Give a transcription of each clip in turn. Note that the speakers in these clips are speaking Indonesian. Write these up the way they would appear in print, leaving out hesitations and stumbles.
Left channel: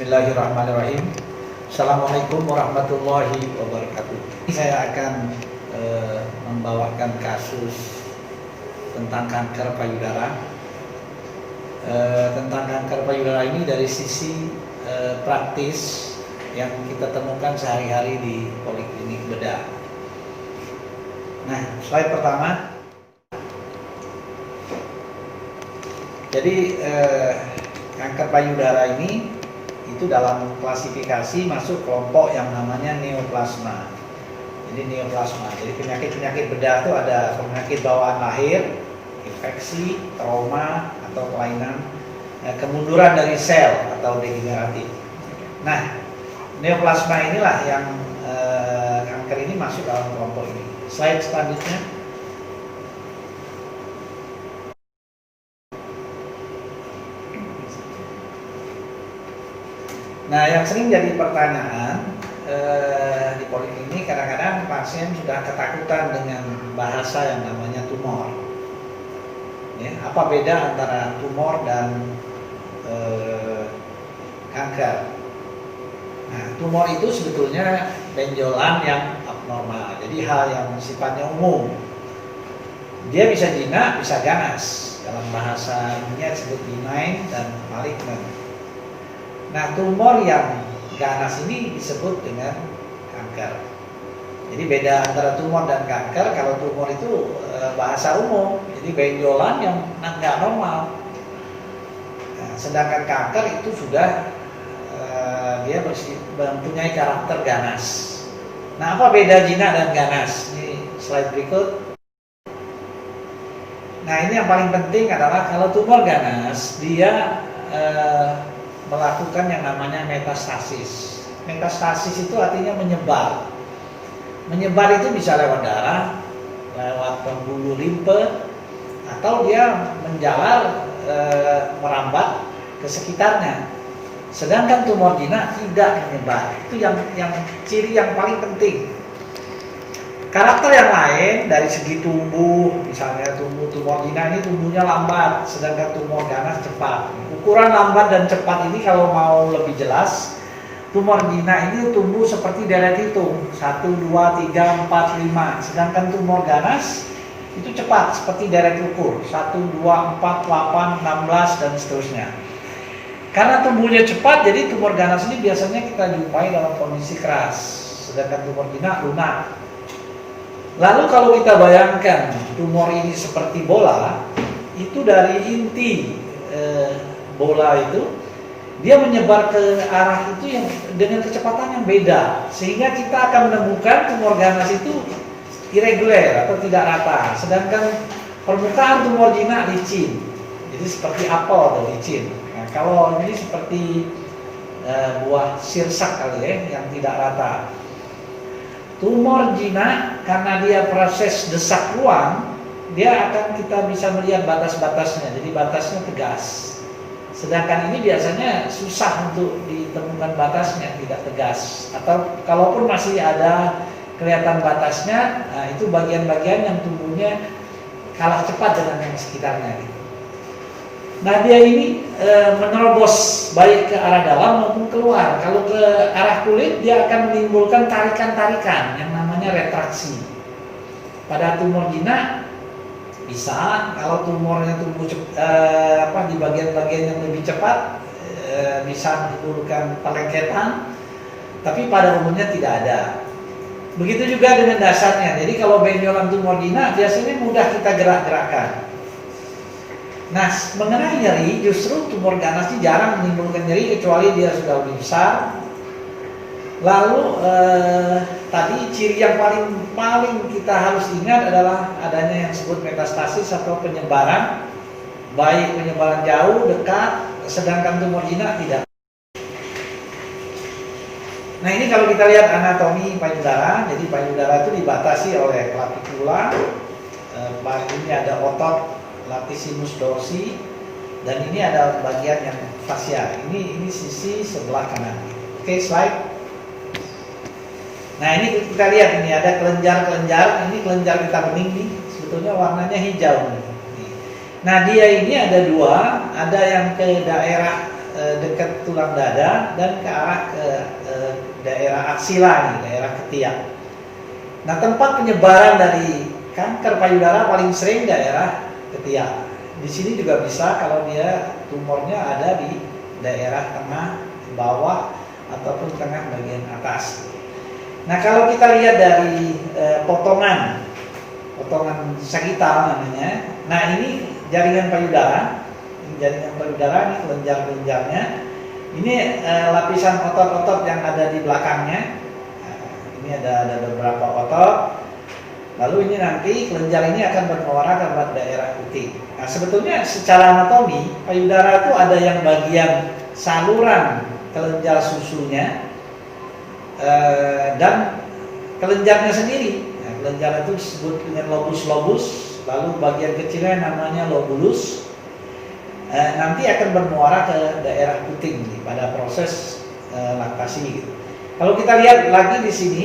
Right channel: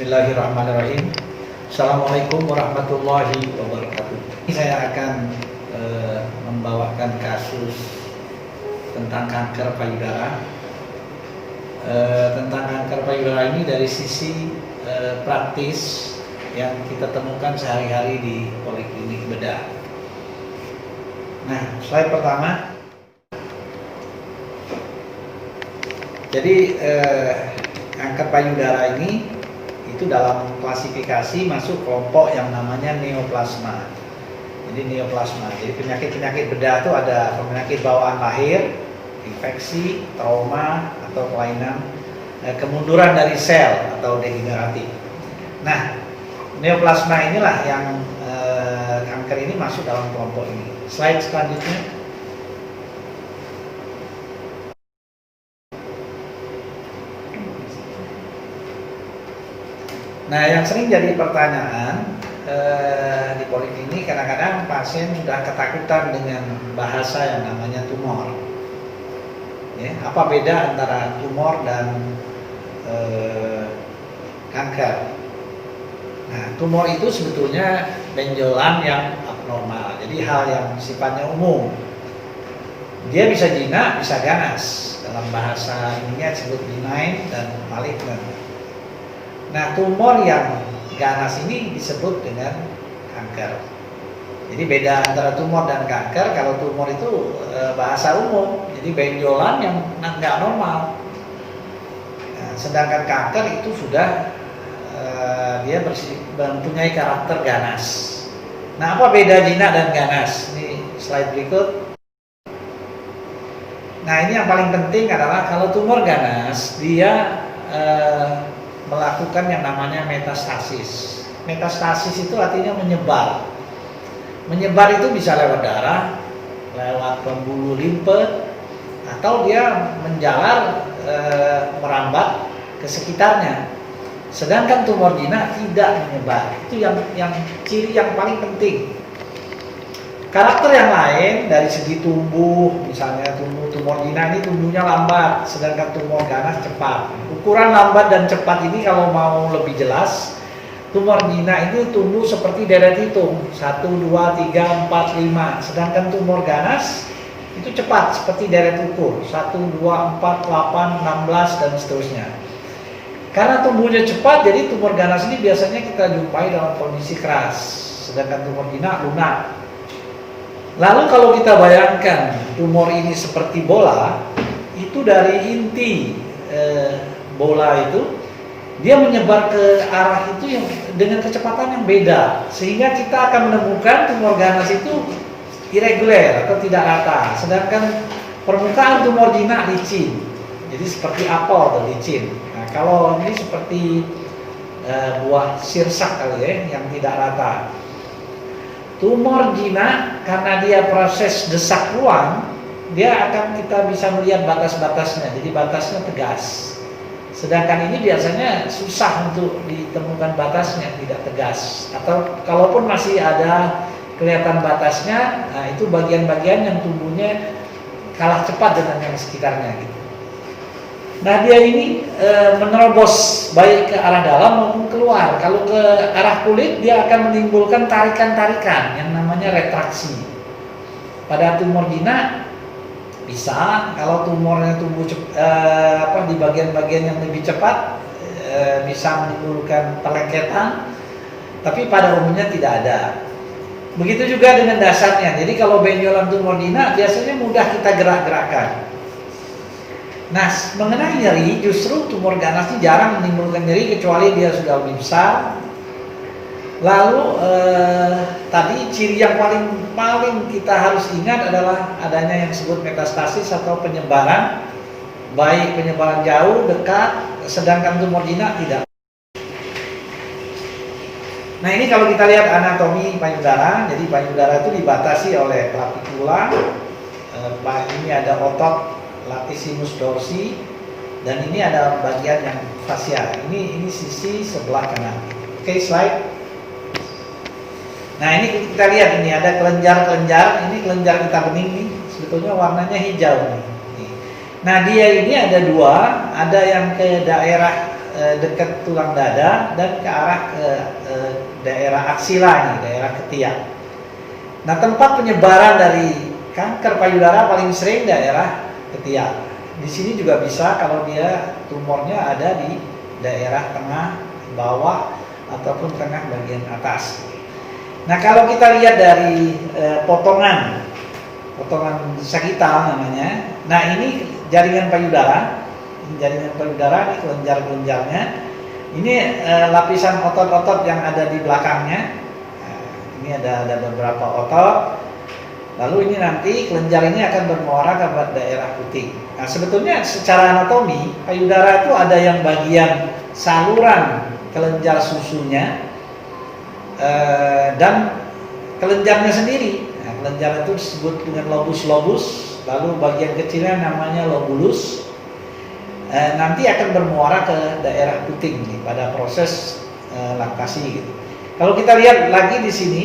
Bismillahirrahmanirrahim. Assalamualaikum warahmatullahi wabarakatuh. Saya akan membawakan kasus tentang kanker payudara. Tentang kanker payudara ini dari sisi praktis yang kita temukan sehari-hari di poliklinik bedah. Nah, slide pertama. Jadi kanker payudara ini itu dalam klasifikasi masuk kelompok yang namanya neoplasma. Jadi neoplasma. Jadi penyakit-penyakit bedah itu ada penyakit bawaan lahir, infeksi, trauma atau kelainan, kemunduran dari sel atau degeneratif. Nah, neoplasma inilah yang kanker ini masuk dalam kelompok ini. Slide selanjutnya. Nah, yang sering jadi pertanyaan di poliklinik, kadang-kadang pasien sudah ketakutan dengan bahasa yang namanya tumor. Ya, apa beda antara tumor dan kanker? Nah, tumor itu sebetulnya benjolan yang abnormal, jadi hal yang sifatnya umum. Dia bisa jinak, bisa ganas. Dalam bahasa ilmiah disebut benign dan malignant. Nah, tumor yang ganas ini disebut dengan kanker. Jadi beda antara tumor dan kanker. Kalau tumor itu bahasa umum, jadi benjolan yang nggak normal. Nah, sedangkan kanker itu sudah dia mempunyai karakter ganas. Nah, apa beda jinak dan ganas? Ini slide berikut. Nah, ini yang paling penting adalah kalau tumor ganas dia melakukan yang namanya metastasis. Metastasis itu artinya menyebar. Menyebar itu bisa lewat darah, lewat pembuluh limfe, atau dia menjalar merambat ke sekitarnya. Sedangkan tumor jinak tidak menyebar. Itu yang ciri yang paling penting. Karakter yang lain dari segi tumbuh, misalnya tumor jinak ini tumbuhnya lambat, sedangkan tumor ganas cepat. Ukuran lambat dan cepat ini kalau mau lebih jelas, tumor jinak ini tumbuh seperti deret hitung 1, 2, 3, 4, 5. Sedangkan tumor ganas itu cepat seperti deret ukur 1, 2, 4, 8, 16 dan seterusnya. Karena tumbuhnya cepat, jadi tumor ganas ini biasanya kita jumpai dalam kondisi keras, sedangkan tumor jinak lunak. Lalu kalau kita bayangkan tumor ini seperti bola, itu dari inti bola itu dia menyebar ke arah itu yang dengan kecepatan yang beda, sehingga kita akan menemukan tumor ganas itu irregular atau tidak rata, sedangkan permukaan tumor jinak licin, jadi seperti apel atau licin. Nah, kalau ini seperti buah sirsak kali ya, yang tidak rata. Tumor jinak karena dia proses desak ruang, dia akan kita bisa melihat batas-batasnya, jadi batasnya tegas. Sedangkan ini biasanya susah untuk ditemukan batasnya, tidak tegas. Atau kalaupun masih ada kelihatan batasnya, nah itu bagian-bagian yang tumbuhnya kalah cepat dengan yang sekitarnya. Gitu. Nah, dia ini menerobos baik ke arah dalam maupun keluar. Kalau ke arah kulit, dia akan menimbulkan tarikan-tarikan yang namanya retraksi. Pada tumor jinak bisa, kalau tumornya tumbuh di bagian-bagian yang lebih cepat bisa menimbulkan pelengketan, tapi pada umumnya tidak ada. Begitu juga dengan dasarnya. Jadi kalau benjolan tumor jinak biasanya mudah kita gerak-gerakkan. Nah, mengenai nyeri, justru tumor ganas ini jarang menimbulkan nyeri kecuali dia sudah lebih besar. Lalu tadi ciri yang paling kita harus ingat adalah adanya yang disebut metastasis atau penyebaran, baik penyebaran jauh, dekat, sedangkan tumor jinak tidak. Nah, ini kalau kita lihat anatomi payudara, jadi payudara itu dibatasi oleh clavicula, ini ada otot latissimus dorsi, dan ini ada bagian yang fasial. Ini sisi sebelah kanan. Oke, slide. Nah, ini kita lihat, ini ada kelenjar-kelenjar. Ini kelenjar getah bening nih, sebetulnya warnanya hijau nih. Nah, dia ini ada dua, ada yang ke daerah dekat tulang dada dan ke arah ke daerah aksila ini, daerah ketiak. Nah, tempat penyebaran dari kanker payudara paling sering daerah ketiak. Di sini juga bisa kalau dia tumornya ada di daerah tengah, bawah, ataupun tengah bagian atas. Nah, kalau kita lihat dari potongan sagital namanya. Nah, ini jaringan payudara. Ini kelenjar-kelenjarnya. Ini lapisan otot-otot yang ada di belakangnya. Nah, ini ada beberapa otot. Lalu ini nanti kelenjar ini akan bermuara ke daerah puting. Nah, sebetulnya secara anatomi payudara itu ada yang bagian saluran kelenjar susunya dan kelenjarnya sendiri. Nah, kelenjar itu disebut dengan lobus, lalu bagian kecilnya namanya lobulus. Nanti akan bermuara ke daerah puting nih, pada proses laktasi gitu. Kalau kita lihat lagi di sini,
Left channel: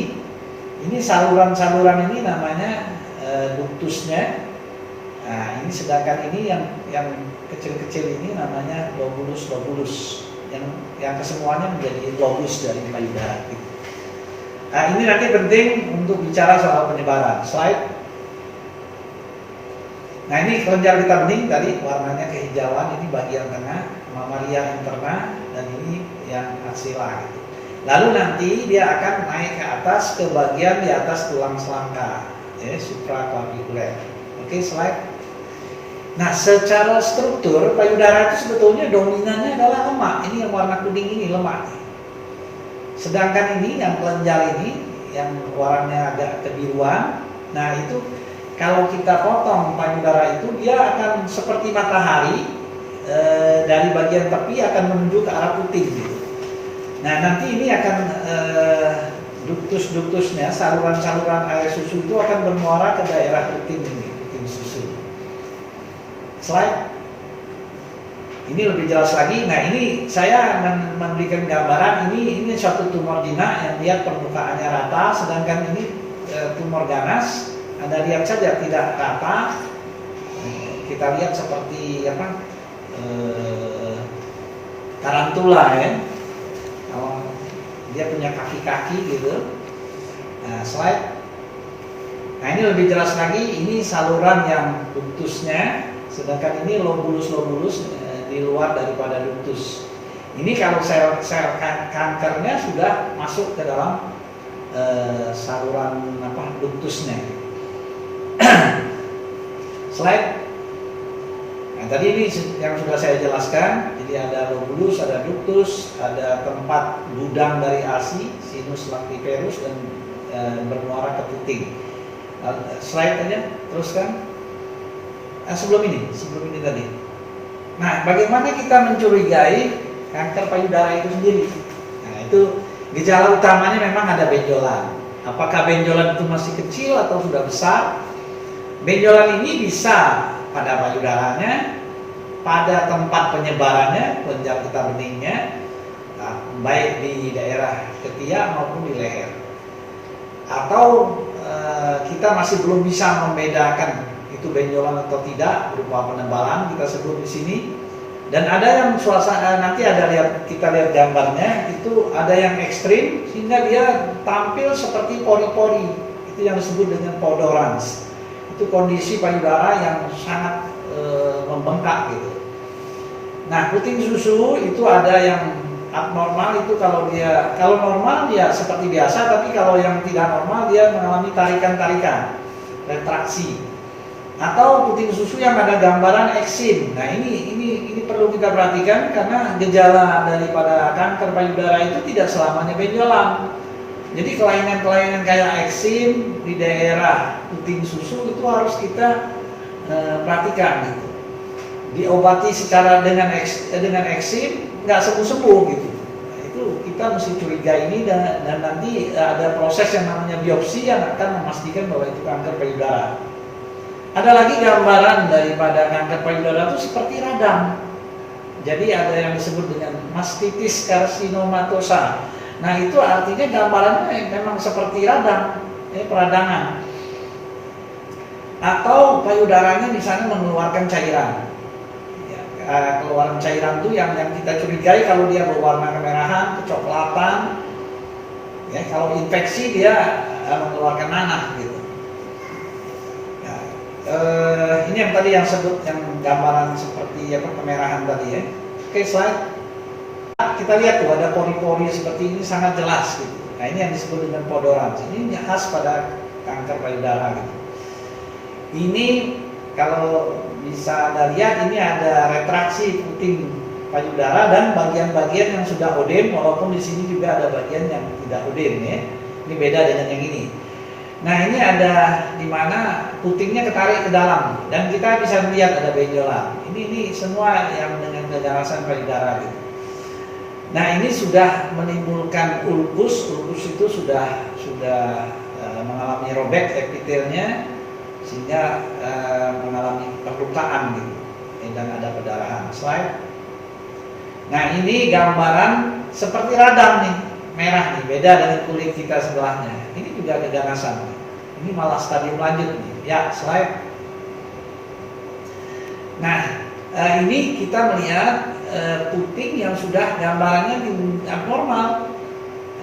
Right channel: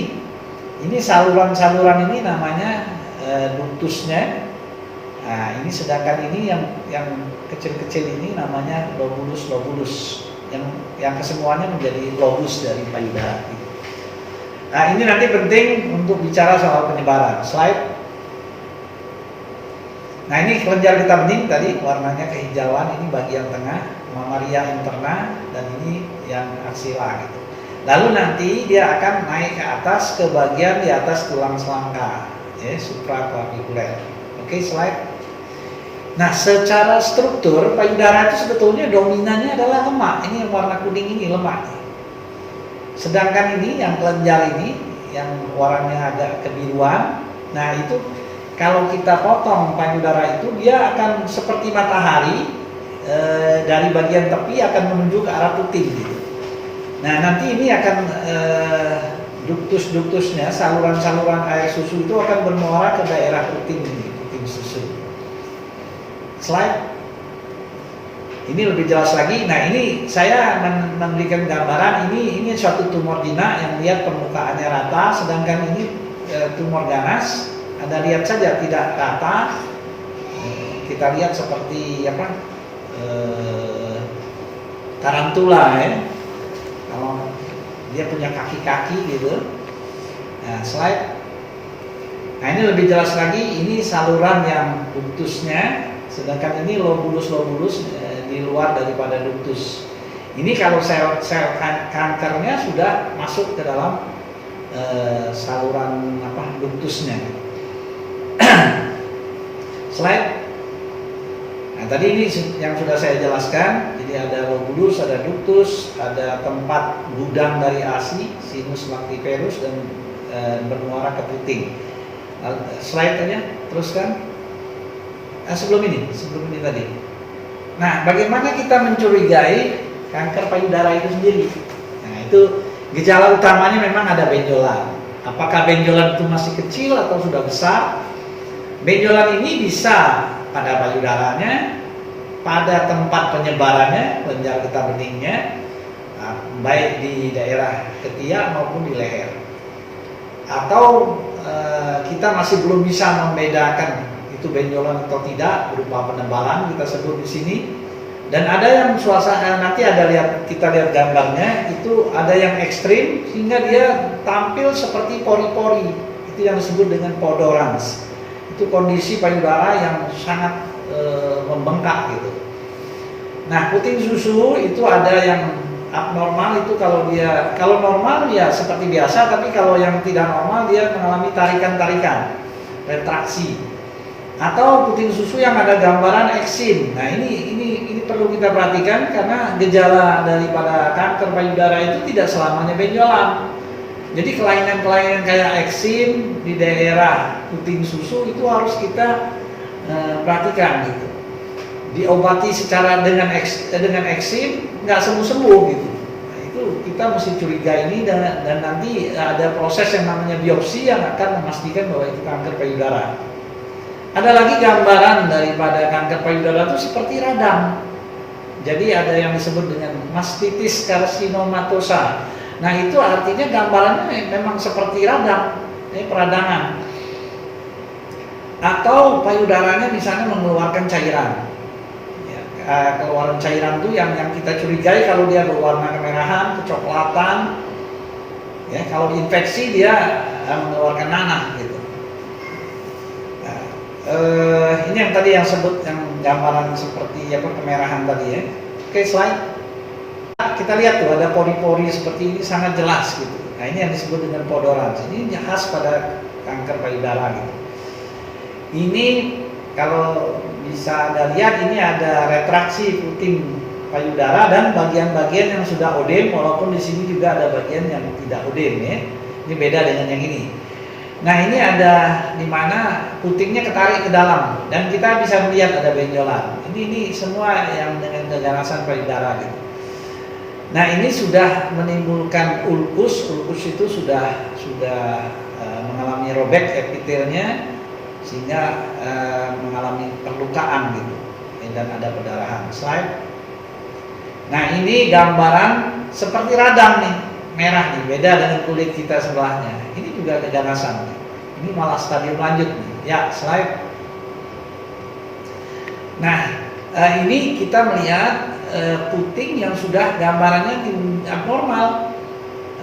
ini saluran-saluran ini namanya ductusnya. Nah, ini sedangkan ini yang kecil-kecil ini namanya lobulus yang kesemuanya menjadi lobus dari payudara. Gitu. Nah, ini nanti penting untuk bicara soal penyebaran. Slide. Nah, ini kelenjar getah bening tadi warnanya kehijauan, ini bagian tengah, mamaria interna, dan ini yang aksila gitu. Lalu nanti dia akan naik ke atas ke bagian di atas tulang selangka, ya, supraclavikuler. Oke, slide. Nah, secara struktur payudara itu sebetulnya dominannya adalah lemak. Ini yang warna kuning ini lemak. Sedangkan ini yang kelenjar ini yang warnanya agak kebiruan. Nah, itu kalau kita potong payudara itu dia akan seperti matahari dari bagian tepi akan menuju ke arah puting gitu. Nah, nanti ini akan ductus-ductusnya, saluran-saluran air susu itu akan bermuara ke daerah puting ini, puting susu. Slide. Ini lebih jelas lagi. Nah, ini saya memberikan gambaran ini suatu tumor jinak yang lihat permukaannya rata, sedangkan ini tumor ganas. Anda lihat saja tidak rata. Kita lihat seperti apa? Tarantula ya. Dia punya kaki-kaki gitu. Nah, slide. Nah, ini lebih jelas lagi. Ini saluran yang ductusnya, sedangkan ini lobulus di luar daripada ductus. Ini kalau sel kankernya sudah masuk ke dalam saluran ductusnya. Slide. Nah, tadi ini yang sudah saya jelaskan. Jadi ada lobulus, ada ductus, ada tempat gudang dari ASI, sinus lactiferus, dan bermuara ke puting. Slide aja, teruskan. Sebelum ini tadi. Nah, bagaimana kita mencurigai kanker payudara itu sendiri? Nah, itu gejala utamanya memang ada benjolan. Apakah benjolan itu masih kecil atau sudah besar? Benjolan ini bisa pada payudaranya, pada tempat penyebarannya, kelenjar getah beningnya, baik di daerah ketiak maupun di leher. Atau kita masih belum bisa membedakan itu benjolan atau tidak berupa penebalan kita sebut di sini. Dan ada yang suasana nanti kita lihat gambarnya itu ada yang ekstrim sehingga dia tampil seperti pori-pori. Itu yang disebut dengan podorans. Itu kondisi payudara yang sangat membengkak gitu. Nah, puting susu itu ada yang abnormal, itu kalau normal ya seperti biasa, tapi kalau yang tidak normal dia mengalami tarikan-tarikan, retraksi. Atau puting susu yang ada gambaran eksim. Nah, ini perlu kita perhatikan karena gejala daripada kanker payudara itu tidak selamanya benjolan. Jadi kelainan-kelainan kayak eksim di daerah puting susu itu harus kita perhatikan gitu. Diobati secara dengan eksim nggak sembuh gitu. Nah, itu kita mesti curiga ini dan nanti ada proses yang namanya biopsi yang akan memastikan bahwa itu kanker payudara. Ada lagi gambaran daripada kanker payudara itu seperti radang. Jadi ada yang disebut dengan mastitis carcinomatosa. Nah, itu artinya gambarannya memang seperti radang, peradangan. Atau payudaranya di sana mengeluarkan cairan. Ya, keluaran cairan tuh yang kita curigai kalau dia berwarna kemerahan, kecoklatan. Ya, kalau infeksi dia mengeluarkan nanah gitu. Ya, ini yang tadi yang sebut yang gambaran seperti kemerahan tadi ya. Oke, slide. Kita lihat tuh ada pori-pori seperti ini sangat jelas gitu. Nah, ini yang disebut dengan podorans. Ini khas pada kanker payudara gitu. Ini kalau bisa Anda lihat ini ada retraksi puting payudara dan bagian-bagian yang sudah odem, walaupun di sini juga ada bagian yang tidak odem ya. Ini beda dengan yang ini. Nah, ini ada di mana putingnya ketarik ke dalam dan kita bisa melihat ada benjolan. Ini semua yang dengan keganasan payudara gitu. Nah, ini sudah menimbulkan ulkus itu sudah mengalami robek epitelnya sehingga mengalami perlukaan gitu dan ada perdarahan. Slide. Nah, ini gambaran seperti radang nih, merah nih, beda dengan kulit kita sebelahnya. Ini juga keganasan nih. Ini malah stadium lanjut nih. Ya, slide. Nah, ini kita melihat puting yang sudah gambarannya abnormal.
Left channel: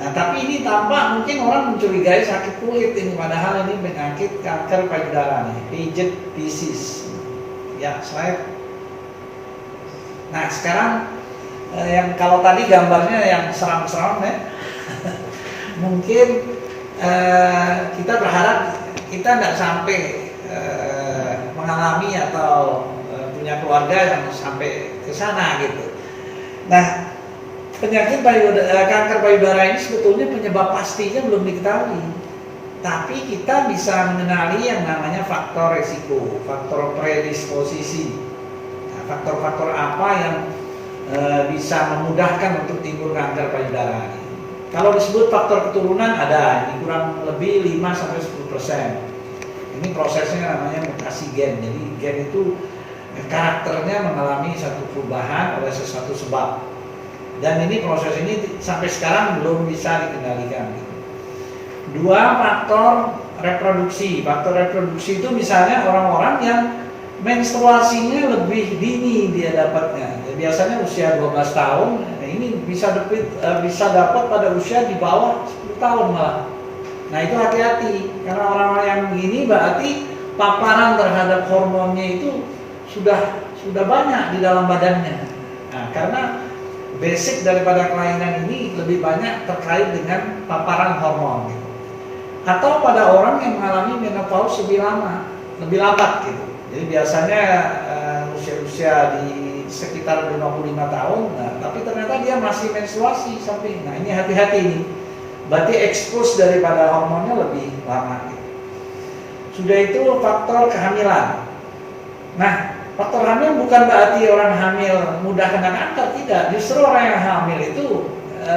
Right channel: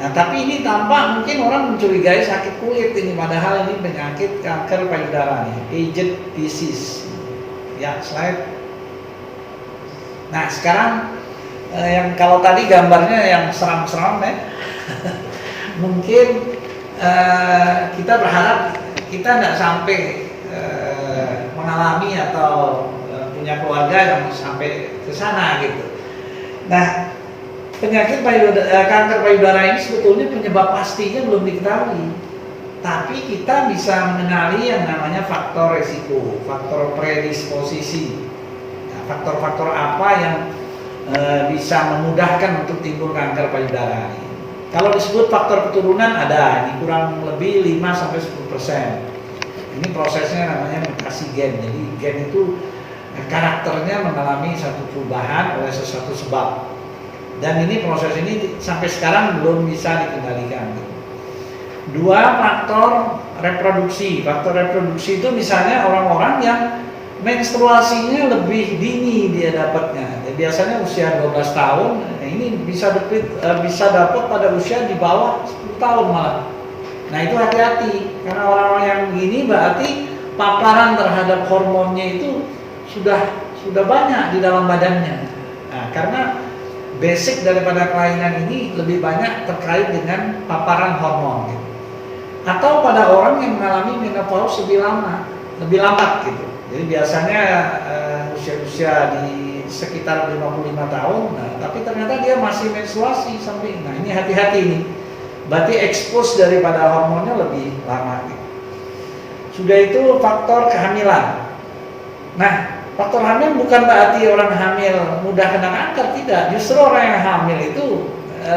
Nah, tapi ini tampak mungkin orang mencurigai sakit kulit ini, padahal ini penyakit kanker payudara nih, Paget disease. Ya, slide. Nah, sekarang yang kalau tadi gambarnya yang seram-seram ya, mungkin kita berharap kita tidak sampai mengalami atau punya keluarga yang sampai ke sana gitu. Nah, penyakit kanker payudara ini sebetulnya penyebab pastinya belum diketahui. Tapi kita bisa mengenali yang namanya faktor risiko, faktor predisposisi. Nah, faktor-faktor apa yang bisa memudahkan untuk timbul kanker payudara. Kalau disebut faktor keturunan ada, ini kurang lebih 5-10%. Ini prosesnya namanya mutasi gen. Jadi gen itu karakternya mengalami satu perubahan oleh sesuatu sebab. Dan ini proses ini sampai sekarang belum bisa dikendalikan. Dua, faktor reproduksi. Faktor reproduksi itu misalnya orang-orang yang menstruasinya lebih dini dia dapatnya. Ya, biasanya usia 12 tahun, ini bisa dapat pada usia di bawah 10 tahun malah. Nah, itu hati-hati karena orang-orang yang begini berarti paparan terhadap hormonnya itu sudah banyak di dalam badannya. Nah, karena basic daripada kelainan ini lebih banyak terkait dengan paparan hormon gitu. Atau pada orang yang mengalami menopause lebih lambat gitu. Jadi biasanya usia-usia di sekitar 55 tahun, tapi ternyata dia masih menstruasi sampai. Nah, ini hati-hati nih. Berarti expose daripada hormonnya lebih lama gitu. Sudah itu faktor kehamilan. Nah, faktor hamil bukan berarti orang hamil mudah kena kanker, tidak. Justru orang yang hamil itu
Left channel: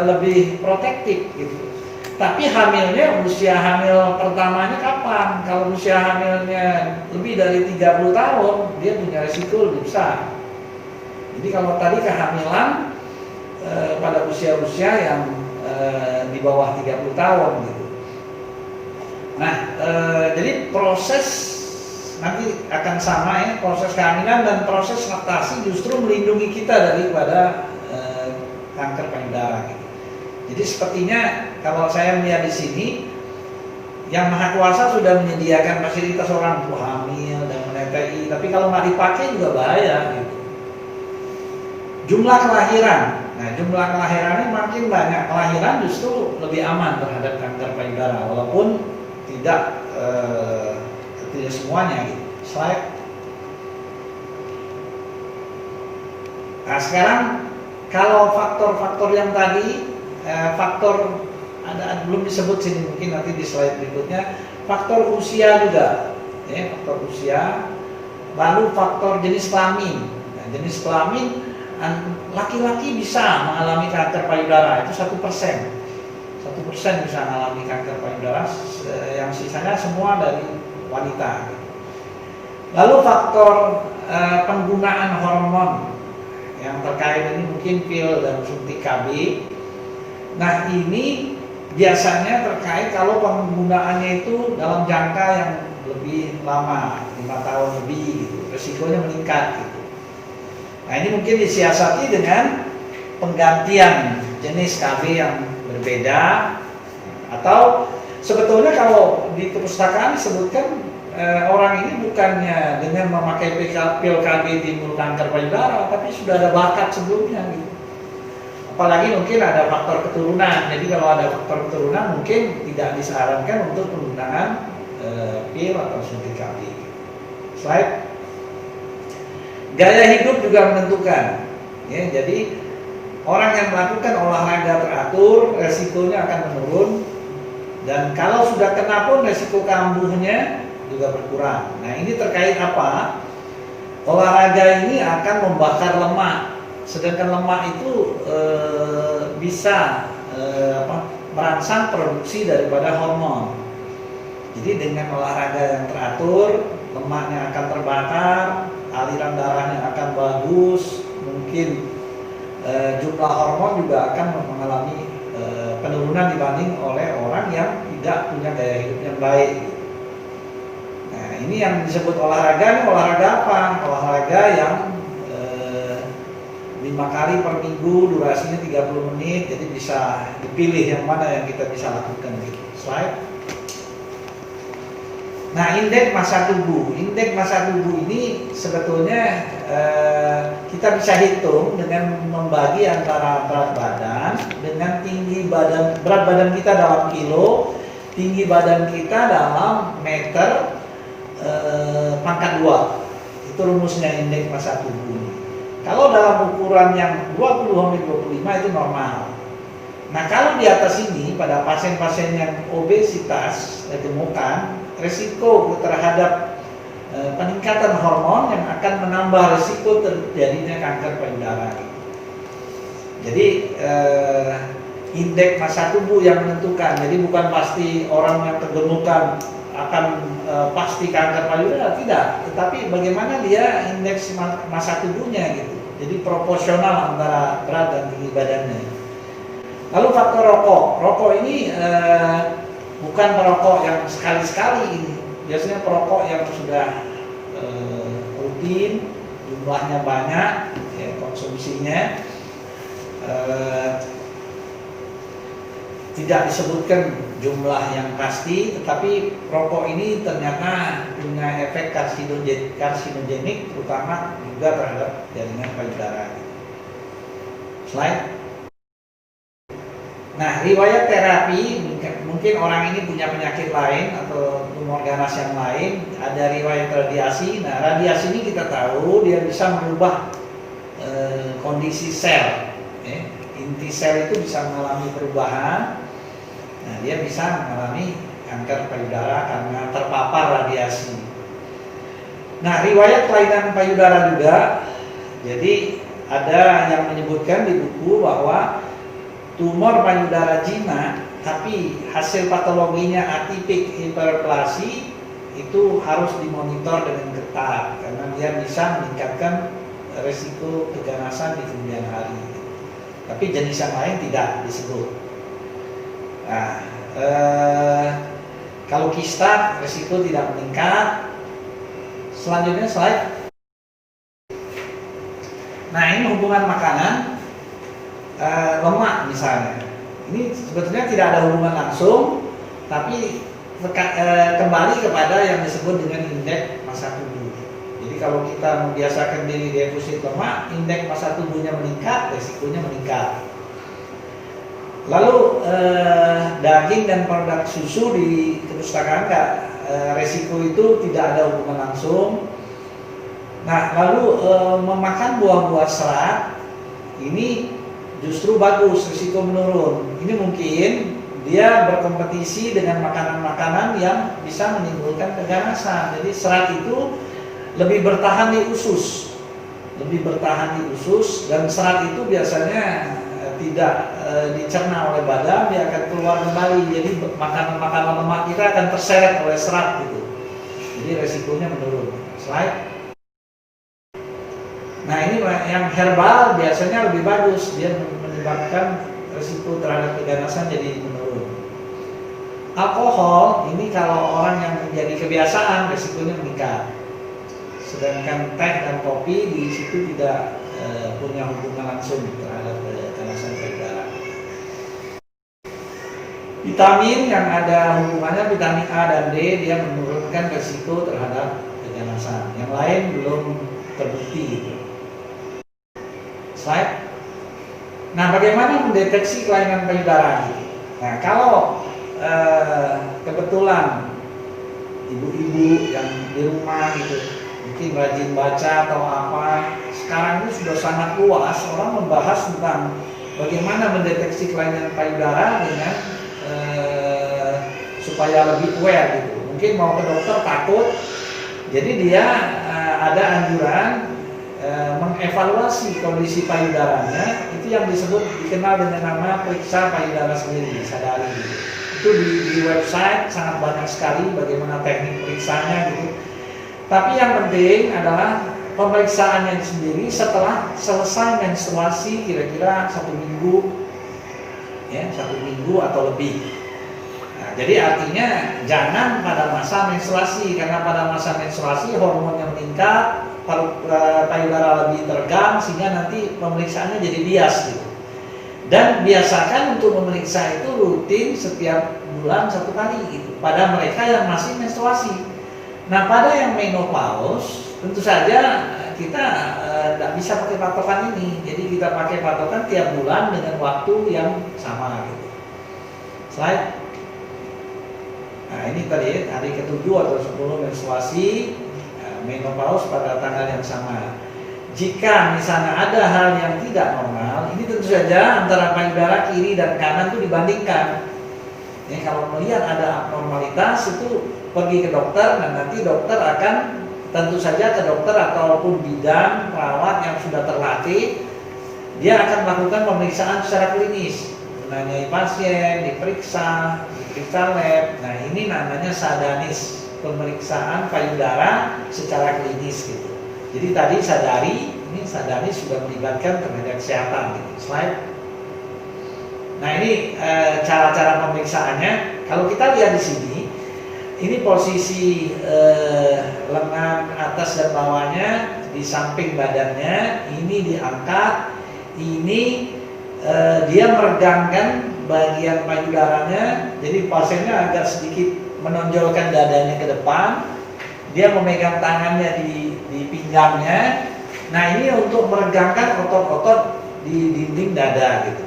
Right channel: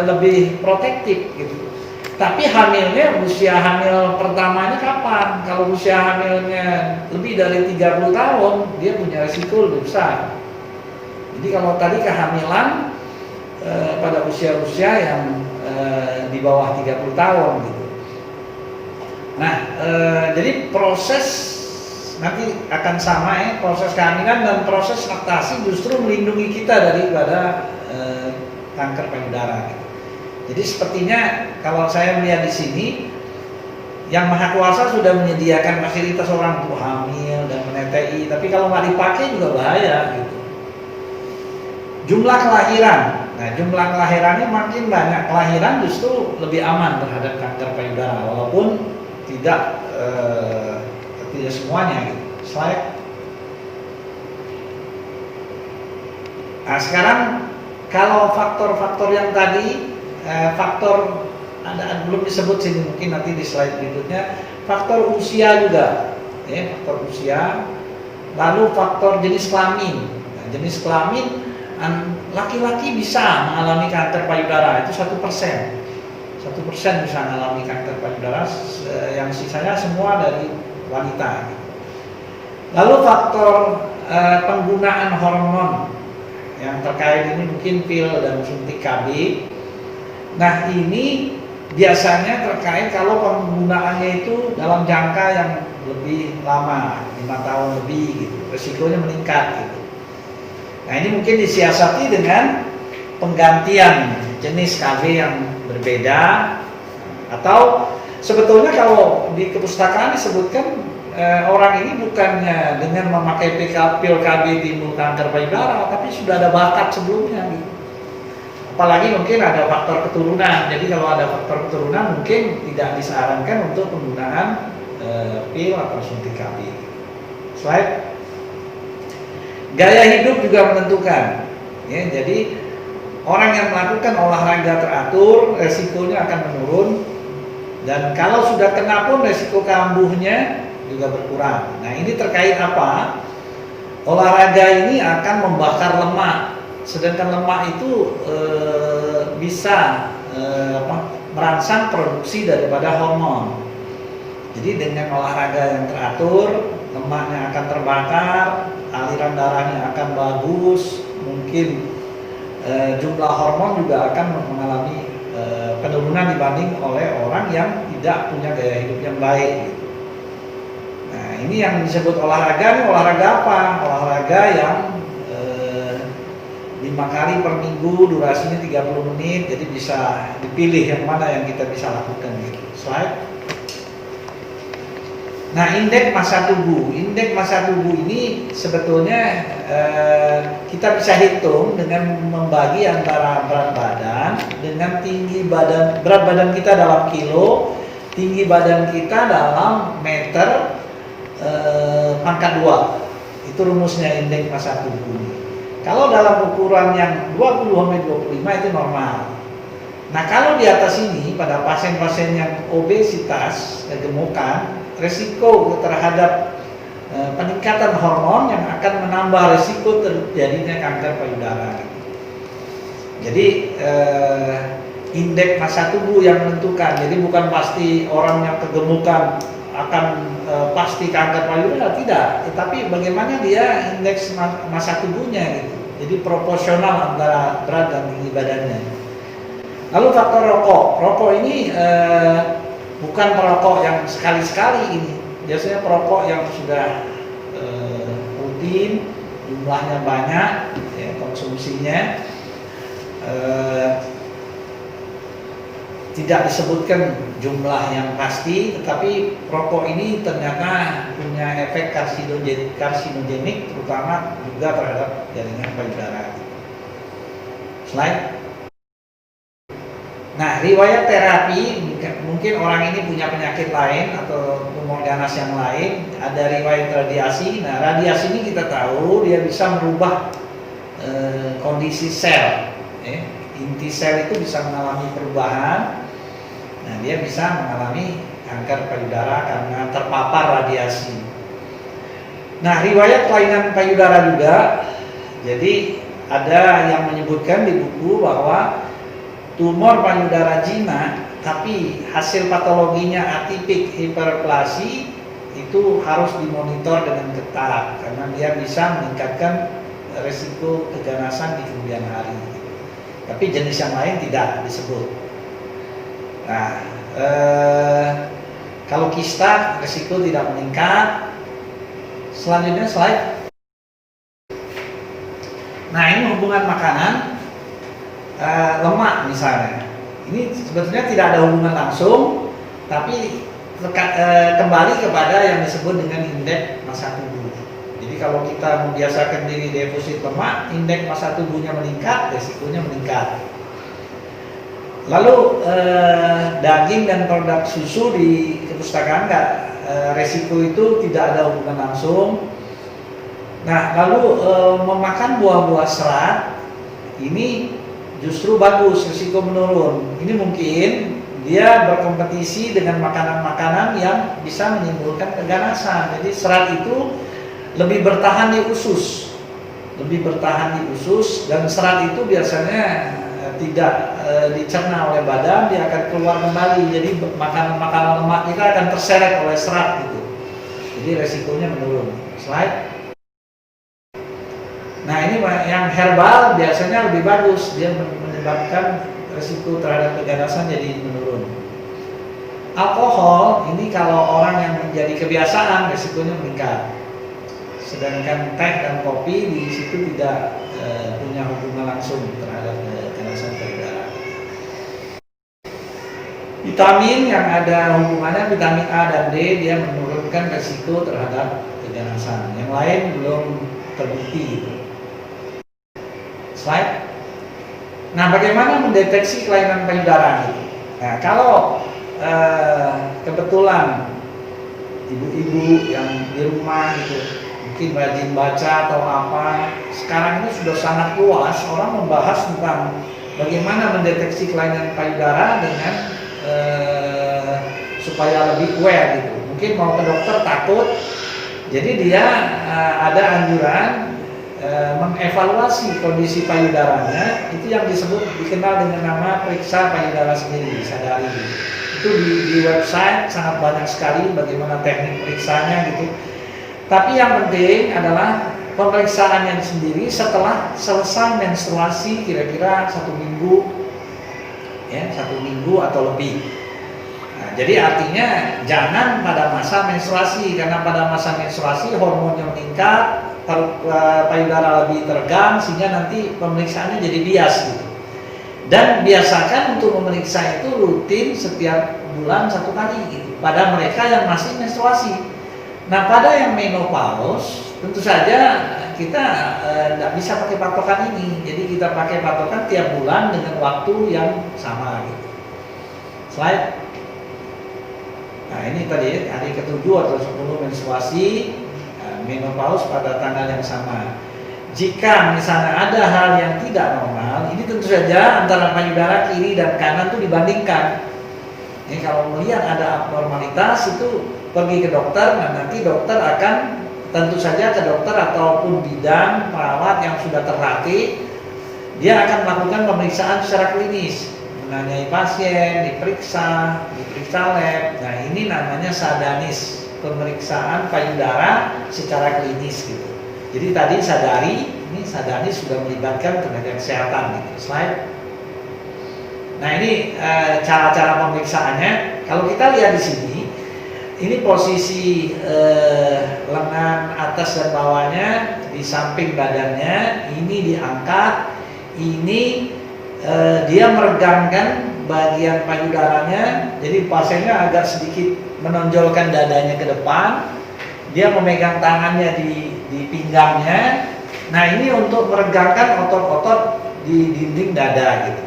lebih protektif gitu. Tapi hamilnya, usia hamil pertamanya kapan? Kalau usia hamilnya lebih dari 30 tahun, dia punya risiko lebih besar. Jadi kalau tadi kehamilan pada usia-usia yang di bawah 30 tahun gitu. Nah, jadi proses nanti akan sama ya, proses kehamilan dan proses laktasi justru melindungi kita daripada kanker payudara gitu. Jadi sepertinya kalau saya melihat di sini, yang Maha Kuasa sudah menyediakan fasilitas orang untuk hamil dan menetei, tapi kalau nggak dipakai juga bahaya gitu. Jumlah kelahiran, nah jumlah kelahirannya makin banyak, kelahiran justru lebih aman terhadap kanker payudara, walaupun tidak semuanya gitu. Slide. Nah, sekarang kalau faktor-faktor yang tadi faktor belum disebut sini, mungkin nanti di slide berikutnya. Faktor usia juga, ya, faktor usia. Lalu faktor jenis kelamin. Nah, jenis kelamin laki-laki bisa mengalami kanker payudara itu 1%. 1% bisa mengalami kanker payudara, yang sisanya semua dari wanita. Lalu faktor penggunaan hormon yang terkait ini mungkin pil dan suntik KB. Nah, ini biasanya terkait kalau penggunaannya itu dalam jangka yang lebih lama, 5 tahun lebih gitu, resikonya meningkat gitu. Nah ini mungkin disiasati dengan penggantian jenis KB yang berbeda, atau sebetulnya kalau di kepustakaan disebutkan orang ini bukannya dengan memakai pil KB timbul kanker payudara, tapi sudah ada bakat sebelumnya gitu. Apalagi mungkin ada faktor keturunan. Jadi kalau ada faktor keturunan mungkin tidak disarankan untuk penggunaan pil atau suntik KB. Slide. Gaya hidup juga menentukan. Ya, jadi orang yang melakukan olahraga teratur resikonya akan menurun, dan kalau sudah kena pun resiko kambuhnya juga berkurang. Nah ini terkait apa? Olahraga ini akan membakar lemak, sedangkan lemak itu bisa merangsang produksi daripada hormon. Jadi dengan olahraga yang teratur, lemaknya akan terbakar, aliran darahnya akan bagus, mungkin jumlah hormon juga akan mengalami penurunan dibanding oleh orang yang tidak punya gaya hidup yang baik. Nah ini yang disebut olahraga. Ini olahraga apa? Olahraga yang 5 kali per minggu, durasinya 30 menit, jadi bisa dipilih yang mana yang kita bisa lakukan gitu. Slide. Nah indeks massa tubuh. Indeks massa tubuh ini sebetulnya kita bisa hitung dengan membagi antara berat badan dengan tinggi badan. Berat badan kita dalam kilo, tinggi badan kita dalam meter pangkat 2. Itu rumusnya indeks massa tubuh. Kalau dalam ukuran yang 20-25 itu normal. Nah kalau di atas ini pada pasien-pasien yang obesitas, gemukan, resiko terhadap peningkatan hormon yang akan menambah resiko terjadinya kanker payudara. Jadi indeks massa tubuh yang menentukan. Jadi bukan pasti orang yang kegemukan akan pasti kanker payudara, tidak. Tetapi bagaimana dia indeks massa tubuhnya gitu. Jadi proporsional antara berat dan tinggi badannya. Lalu faktor rokok. Rokok ini bukan perokok yang sekali-sekali ini. Biasanya perokok yang sudah rutin, jumlahnya banyak, ya, konsumsinya tidak disebutkan jumlah yang pasti, tetapi rokok ini ternyata punya efek karsinogenik, terutama juga terhadap jaringan payudara. Slide. Nah, riwayat terapi, mungkin orang ini punya penyakit lain atau tumor ganas yang lain, ada riwayat radiasi. Nah, radiasi ini kita tahu dia bisa merubah kondisi sel. Inti sel itu bisa mengalami perubahan. Nah, dia bisa mengalami kanker payudara karena terpapar radiasi. Nah, riwayat kelainan payudara juga. Jadi ada yang menyebutkan di buku bahwa tumor payudara jinak tapi hasil patologinya atipik hiperplasi itu harus dimonitor dengan ketat karena dia bisa meningkatkan resiko keganasan di kemudian hari. Tapi jenis yang lain tidak disebut. Nah, kalau kista resiko tidak meningkat. Selanjutnya slide. Nah ini hubungan makanan, lemak misalnya. Ini sebetulnya tidak ada hubungan langsung, tapi kembali kepada yang disebut dengan indeks massa tubuh. Jadi kalau kita membiasakan diri defisit lemak, indeks massa tubuhnya meningkat, resikonya meningkat. Lalu daging dan produk susu di kepustakaan resiko itu tidak ada hubungan langsung. Nah, lalu memakan buah-buah serat ini justru bagus, risiko menurun. Ini mungkin dia berkompetisi dengan makanan-makanan yang bisa menimbulkan keganasan. Jadi serat itu lebih bertahan di usus, dan serat itu biasanya tidak dicerna oleh badan, dia akan keluar kembali. Jadi makanan-makanan lemak kita akan terseret oleh serat gitu. Jadi resikonya menurun. Slide. Nah ini yang herbal biasanya lebih bagus, dia menyebabkan resiko terhadap keganasan jadi menurun. Alkohol ini kalau orang yang menjadi kebiasaan resikonya meningkat. Sedangkan teh dan kopi di situ tidak punya hubungan langsung terhadap keganasan payudara. Vitamin yang ada hubungannya, vitamin A dan D, dia menurunkan resiko terhadap keganasan. Yang lain belum terbukti gitu. Slide. Nah, bagaimana mendeteksi kelainan payudara? Nah, kalau kebetulan ibu-ibu yang di rumah gitu, mungkin rajin baca atau apa, sekarang ini sudah sangat luas orang membahas tentang bagaimana mendeteksi kelainan payudara dengan supaya lebih aware gitu. Mungkin mau ke dokter takut, jadi dia ada anjuran mengevaluasi kondisi payudaranya, itu yang dikenal dengan nama periksa payudara sendiri, sadari. Itu di website sangat banyak sekali bagaimana teknik periksanya gitu. Tapi yang penting adalah pemeriksaannya sendiri setelah selesai menstruasi kira-kira 1 minggu, ya 1 minggu atau lebih. Nah, jadi artinya jangan pada masa menstruasi, karena pada masa menstruasi hormonnya meningkat, payudara lebih tegang, sehingga nanti pemeriksaannya jadi bias gitu. Dan biasakan untuk memeriksa itu rutin setiap bulan 1 kali gitu, pada mereka yang masih menstruasi. Nah, pada yang menopause tentu saja kita tidak bisa pakai patokan ini, jadi kita pakai patokan tiap bulan dengan waktu yang sama gitu. Slide. Nah, ini tadi hari ke-7 atau 10 menstruasi, menopause pada tanggal yang sama. Jika misalnya ada hal yang tidak normal, ini tentu saja antara payudara kiri dan kanan itu dibandingkan. Ya, kalau melihat ada abnormalitas itu pergi ke dokter, dan nanti dokter akan tentu saja ke dokter ataupun bidan perawat yang sudah terlatih, dia akan melakukan pemeriksaan secara klinis, menanyai pasien, diperiksa lab. Nah, ini namanya sadanis, pemeriksaan payudara secara klinis gitu. Jadi tadi sadari, ini sadanis sudah melibatkan tenaga kesehatan gitu. Slide. Nah, ini cara-cara pemeriksaannya. Kalau kita lihat di sini, ini posisi lengan atas dan bawahnya di samping badannya, ini diangkat, ini dia meregangkan bagian payudaranya, jadi pasiennya agak sedikit menonjolkan dadanya ke depan, dia memegang tangannya di pinggangnya. Nah, ini untuk meregangkan otot-otot di dinding dada gitu.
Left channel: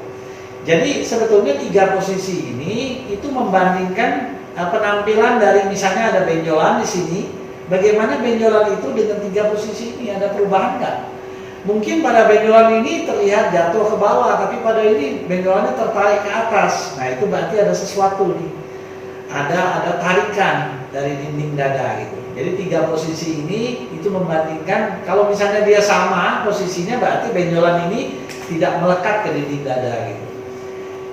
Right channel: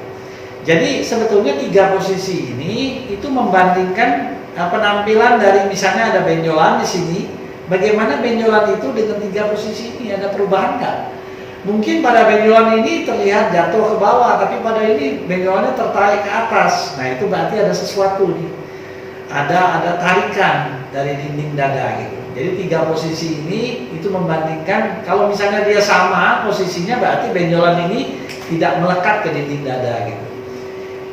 Jadi sebetulnya 3 posisi ini itu membandingkan penampilan dari, misalnya ada benjolan di sini, bagaimana benjolan itu dengan 3 posisi ini, ada perubahan nggak? Mungkin pada benjolan ini terlihat jatuh ke bawah, tapi pada ini benjolannya tertarik ke atas. Nah, itu berarti ada sesuatu nih, ada tarikan dari dinding dada gitu. Jadi 3 posisi ini itu membandingkan, kalau misalnya dia sama posisinya, berarti benjolan ini tidak melekat ke dinding dada gitu.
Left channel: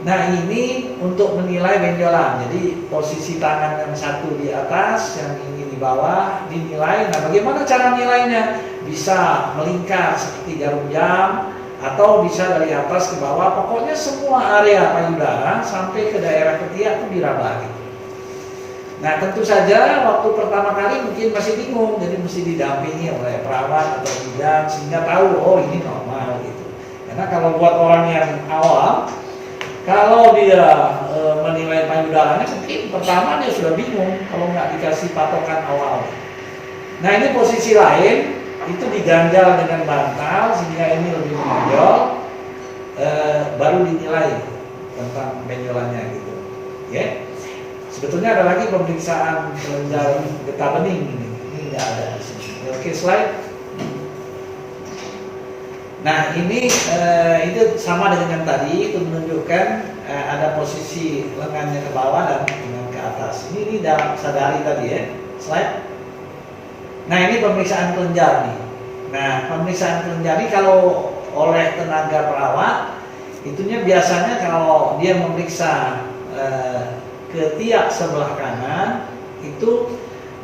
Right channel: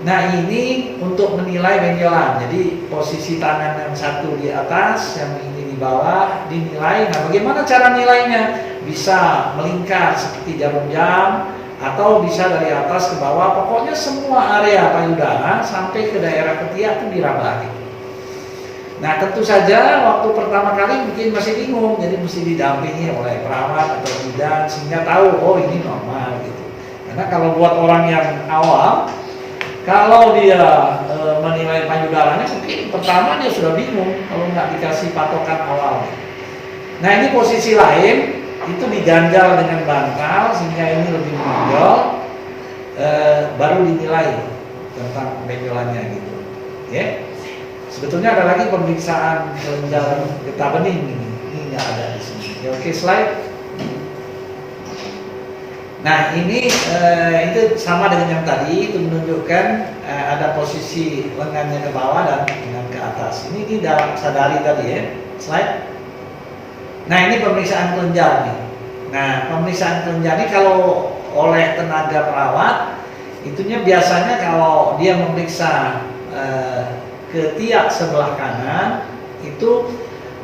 Nah, ini untuk menilai benjolan. Jadi posisi tangan yang satu di atas, yang ini di bawah, dinilai. Nah, bagaimana cara nilainya? Bisa melingkar seperti jarum jam, atau bisa dari atas ke bawah. Pokoknya semua area payudara sampai ke daerah ketiak itu diraba gitu. Nah, tentu saja waktu pertama kali mungkin masih bingung, jadi mesti didampingi oleh perawat atau bidan sehingga tahu, oh ini normal gitu. Karena kalau buat orang yang awal, kalau dia menilai payudaranya, mungkin pertama dia sudah bingung kalau nggak dikasih patokan awal. Nah, ini posisi lain, itu diganjal dengan bantal sehingga ini lebih menonjol, baru dinilai tentang benjolannya gitu. Ya. Sebetulnya ada lagi pemeriksaan dalam getah bening ini nggak ada di sini. Oke, slide. Nah, ini itu sama dengan yang tadi, itu menunjukkan ada posisi lengannya ke bawah dan lengan ke atas. Ini dalam sadari tadi ya. Slide. Nah, ini pemeriksaan kelenjar nih. Nah, pemeriksaan kelenjar ini kalau oleh tenaga perawat, itunya biasanya kalau dia memeriksa ketiak sebelah kanan, itu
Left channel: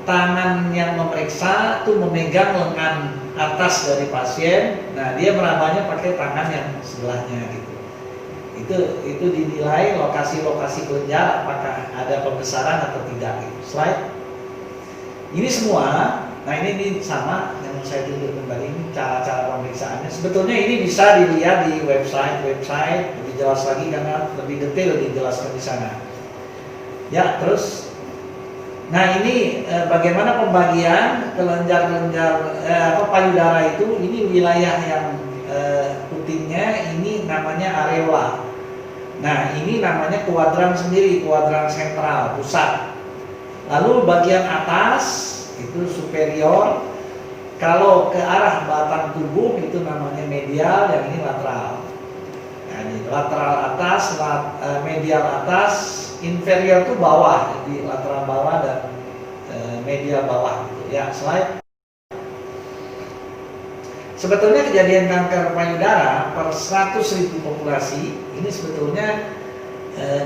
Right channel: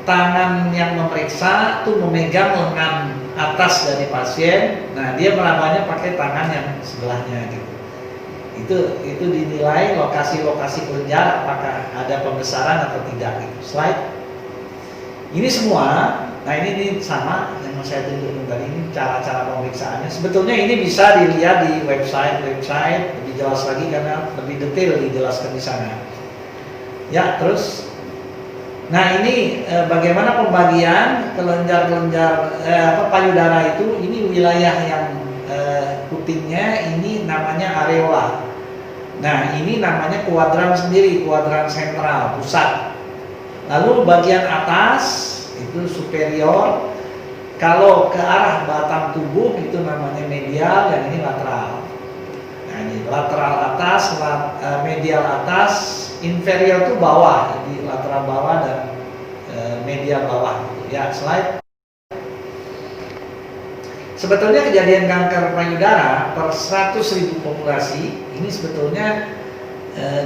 tangan yang memeriksa itu memegang lengan atas dari pasien. Nah, dia merabanya pakai tangan yang sebelahnya gitu. Itu dinilai lokasi-lokasi kelenjar apakah ada pembesaran atau tidak gitu. Slide. Ini semua Nah ini sama yang saya tunjukkan tadi, ini cara-cara pemeriksaannya. Sebetulnya ini bisa dilihat di website lebih jelas lagi karena lebih detail dijelaskan di sana. Ya, terus, nah ini bagaimana pembagian kelenjar-kelenjar payudara itu? Ini wilayah yang putihnya ini namanya areola. Nah ini namanya kuadran sendiri, kuadran sentral, pusat. Lalu bagian atas itu superior, kalau ke arah batang tubuh itu namanya medial, yang ini lateral. Nah ini lateral atas, medial atas, inferior itu bawah, jadi lateral bawah dan medial bawah. Ya, slide. Sebetulnya kejadian kanker payudara per 100.000 populasi ini sebetulnya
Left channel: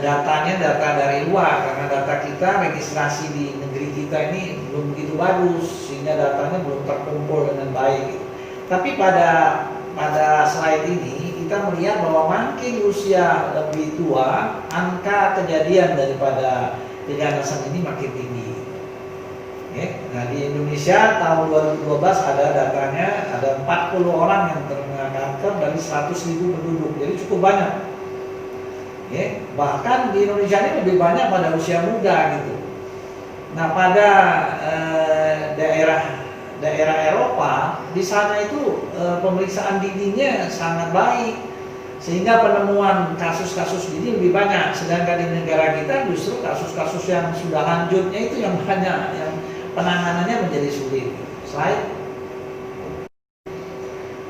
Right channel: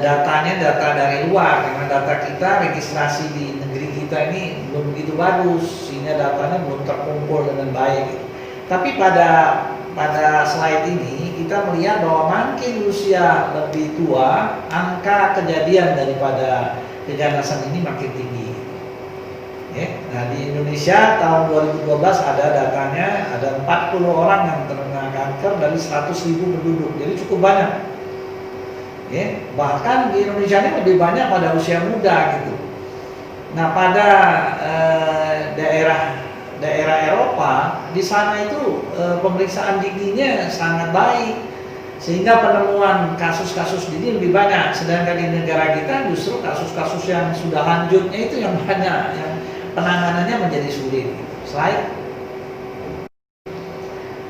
datanya data dari luar, karena data kita registrasi di negeri kita ini belum begitu bagus sehingga datanya belum terkumpul dengan baik. Tapi pada slide ini kita melihat bahwa makin usia lebih tua, angka kejadian daripada keganasan ini makin tinggi. Nah di Indonesia tahun 2012 ada datanya, ada 40 orang yang terkena kanker dari 100.000 penduduk, jadi cukup banyak. Bahkan di Indonesia ini lebih banyak pada usia muda gitu. Nah pada daerah Eropa, di sana itu pemeriksaan giginya sangat baik, sehingga penemuan kasus-kasus gigi lebih banyak. Sedangkan di negara kita justru kasus-kasus yang sudah lanjutnya itu yang banyak, yang penanganannya menjadi sulit. Slide.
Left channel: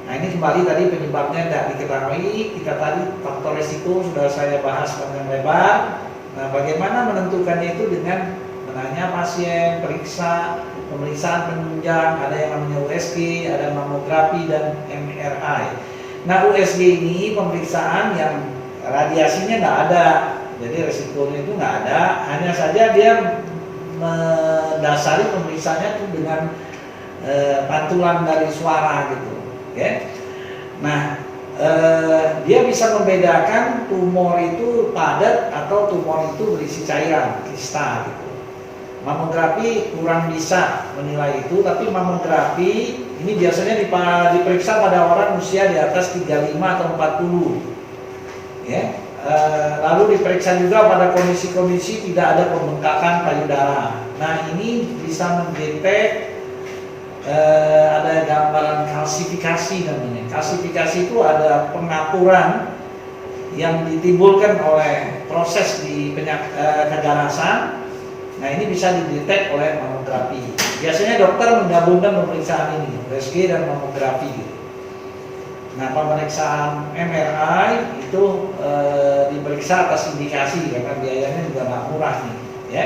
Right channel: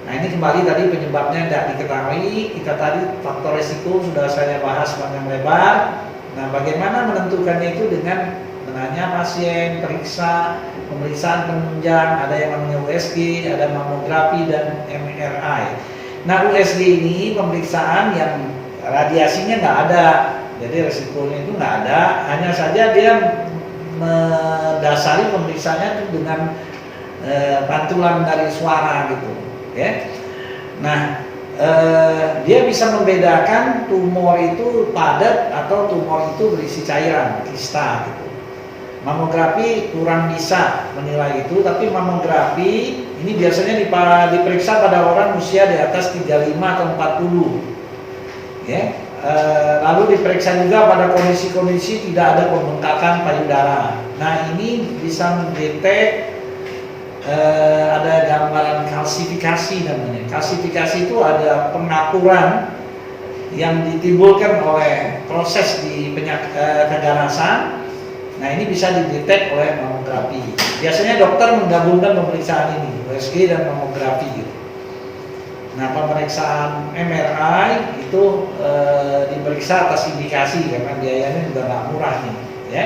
Nah ini kembali tadi penyebabnya tidak diketahui. Kita tadi faktor resiko sudah saya bahas panjang lebar. Nah bagaimana menentukannya itu dengan menanya pasien, pemeriksaan penunjang, ada yang namanya USG, ada mamografi dan MRI. Nah USG ini pemeriksaan yang radiasinya nggak ada, jadi resikonya itu nggak ada. Hanya saja dia mendasari pemeriksaannya itu dengan pantulan dari suara gitu. Nah dia bisa membedakan tumor itu padat atau tumor itu berisi cairan, kista gitu. Mamografi kurang bisa menilai itu, tapi mamografi ini biasanya diperiksa pada orang usia di atas 35 atau 40. Lalu diperiksa juga pada kondisi-kondisi tidak ada pembengkakan payudara. Nah ini bisa mendetek ada gambaran kalsifikasi namanya. Kalsifikasi itu ada pengaturan yang ditimbulkan oleh proses di keganasan. Nah ini bisa didetek oleh mamografi. Biasanya dokter menggabungkan pemeriksaan ini, USG dan mamografi. Nah pemeriksaan MRI itu diperiksa atas indikasi karena biayanya juga nggak murah nih, ya.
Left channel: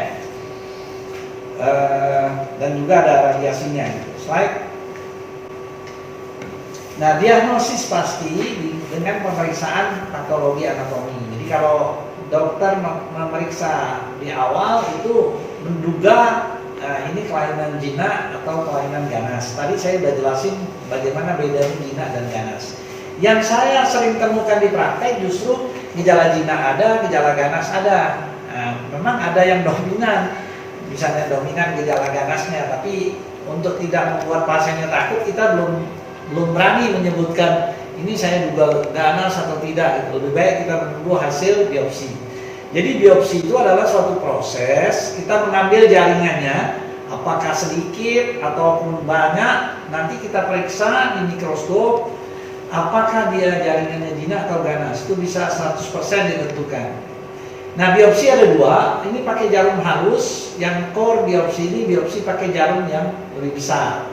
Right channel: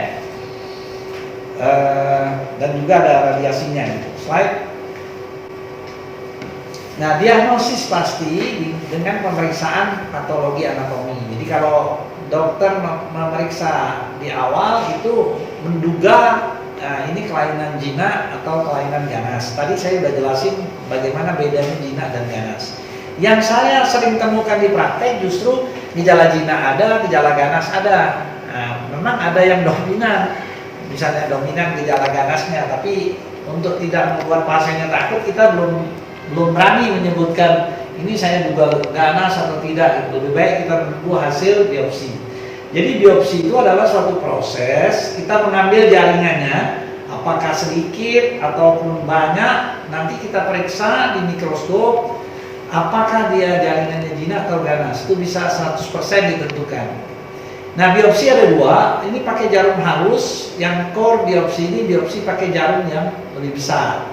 Dan juga ada radiasinya. Slide. Nah diagnosis pasti dengan pemeriksaan patologi anatomi. Jadi kalau dokter memeriksa di awal itu menduga ini kelainan jinak atau kelainan ganas. Tadi saya sudah jelasin bagaimana bedanya jinak dan ganas. Yang saya sering temukan di praktek justru gejala jinak ada, gejala ganas ada. Nah, memang ada yang dominan, misalnya dominan gejala ganasnya, tapi untuk tidak membuat pasiennya takut, kita belum berani menyebutkan ini saya duga ganas atau tidak. Lebih baik kita menunggu hasil biopsi. Jadi biopsi itu adalah suatu proses, kita mengambil jaringannya, apakah sedikit ataupun banyak, nanti kita periksa di mikroskop, apakah dia jaringannya jinak atau ganas, itu bisa 100% ditentukan. Nah biopsi ada dua, ini pakai jarum halus, yang core biopsi ini biopsi pakai jarum yang lebih besar.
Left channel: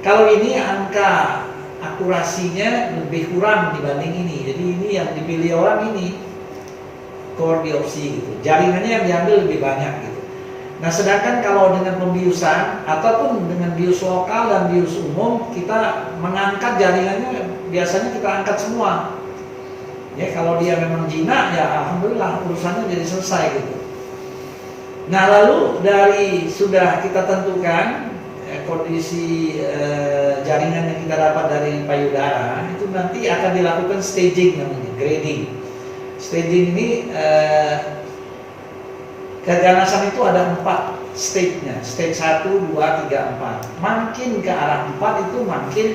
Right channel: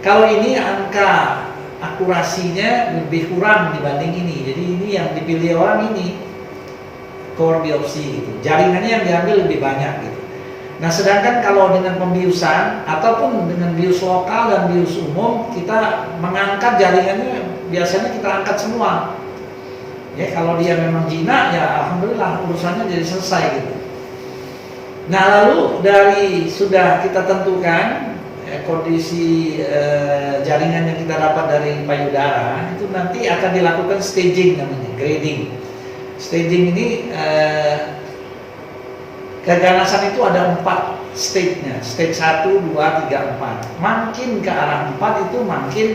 Kalau ini angka akurasinya lebih kurang dibanding ini, jadi ini yang dipilih orang ini core biopsi gitu. Jaringannya yang diambil lebih banyak gitu. Nah, sedangkan kalau dengan pembiusan ataupun dengan bius lokal dan bius umum, kita mengangkat jaringannya biasanya kita angkat semua. Ya, kalau dia memang jinak ya alhamdulillah urusannya jadi selesai gitu. Nah, lalu dari sudah kita tentukan kondisi jaringan yang kita dapat dari payudara, itu nanti akan dilakukan staging namanya, grading. Staging ini keganasan itu ada 4 stage-nya, stage 1, 2, 3, 4. Makin ke arah 4 itu makin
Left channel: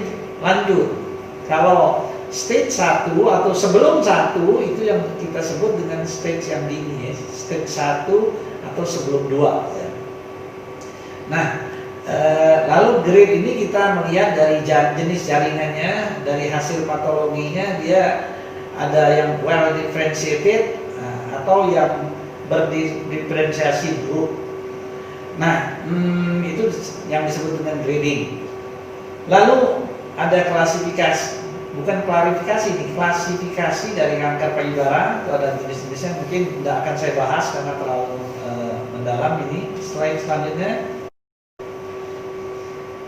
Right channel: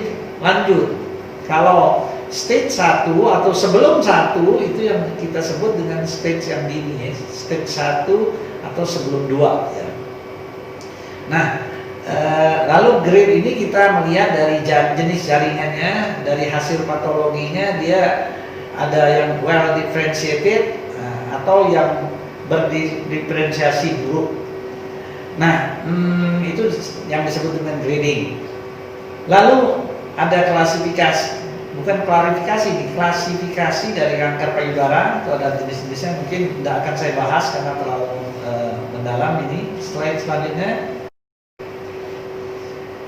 lanjut. Kalau stage 1 atau sebelum 1 itu yang kita sebut dengan stage yang dini ya. Stage 1 atau sebelum 2 ya. Nah, lalu grade ini kita melihat dari jenis jaringannya, dari hasil patologinya dia ada yang well differentiated atau yang berdiferensiasi buruk. Nah, itu yang disebut dengan grading. Lalu ada klasifikasi, bukan klarifikasi, klasifikasi dari kanker payudara. Itu ada jenis-jenisnya, mungkin tidak akan saya bahas karena terlalu mendalam ini. Slide selanjutnya.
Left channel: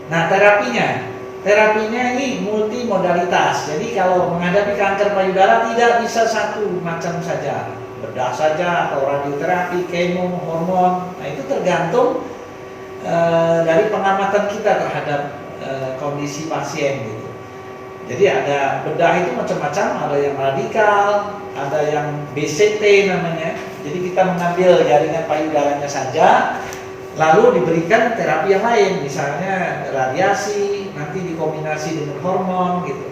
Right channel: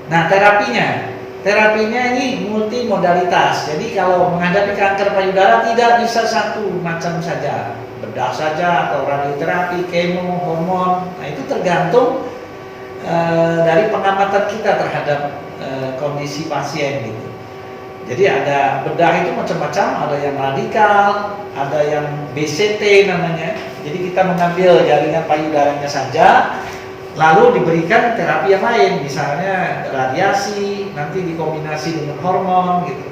Nah, terapinya ini multimodalitas. Jadi kalau menghadapi kanker payudara tidak bisa satu macam saja, bedah saja atau radioterapi, kemo, hormon. Nah, itu tergantung dari pengamatan kita terhadap kondisi pasien gitu. Jadi ada bedah itu macam-macam, ada yang radikal, ada yang BCT namanya. Jadi kita mengambil jaringan payudaranya saja, lalu diberikan terapi yang lain, misalnya radiasi, nanti dikombinasi dengan hormon gitu.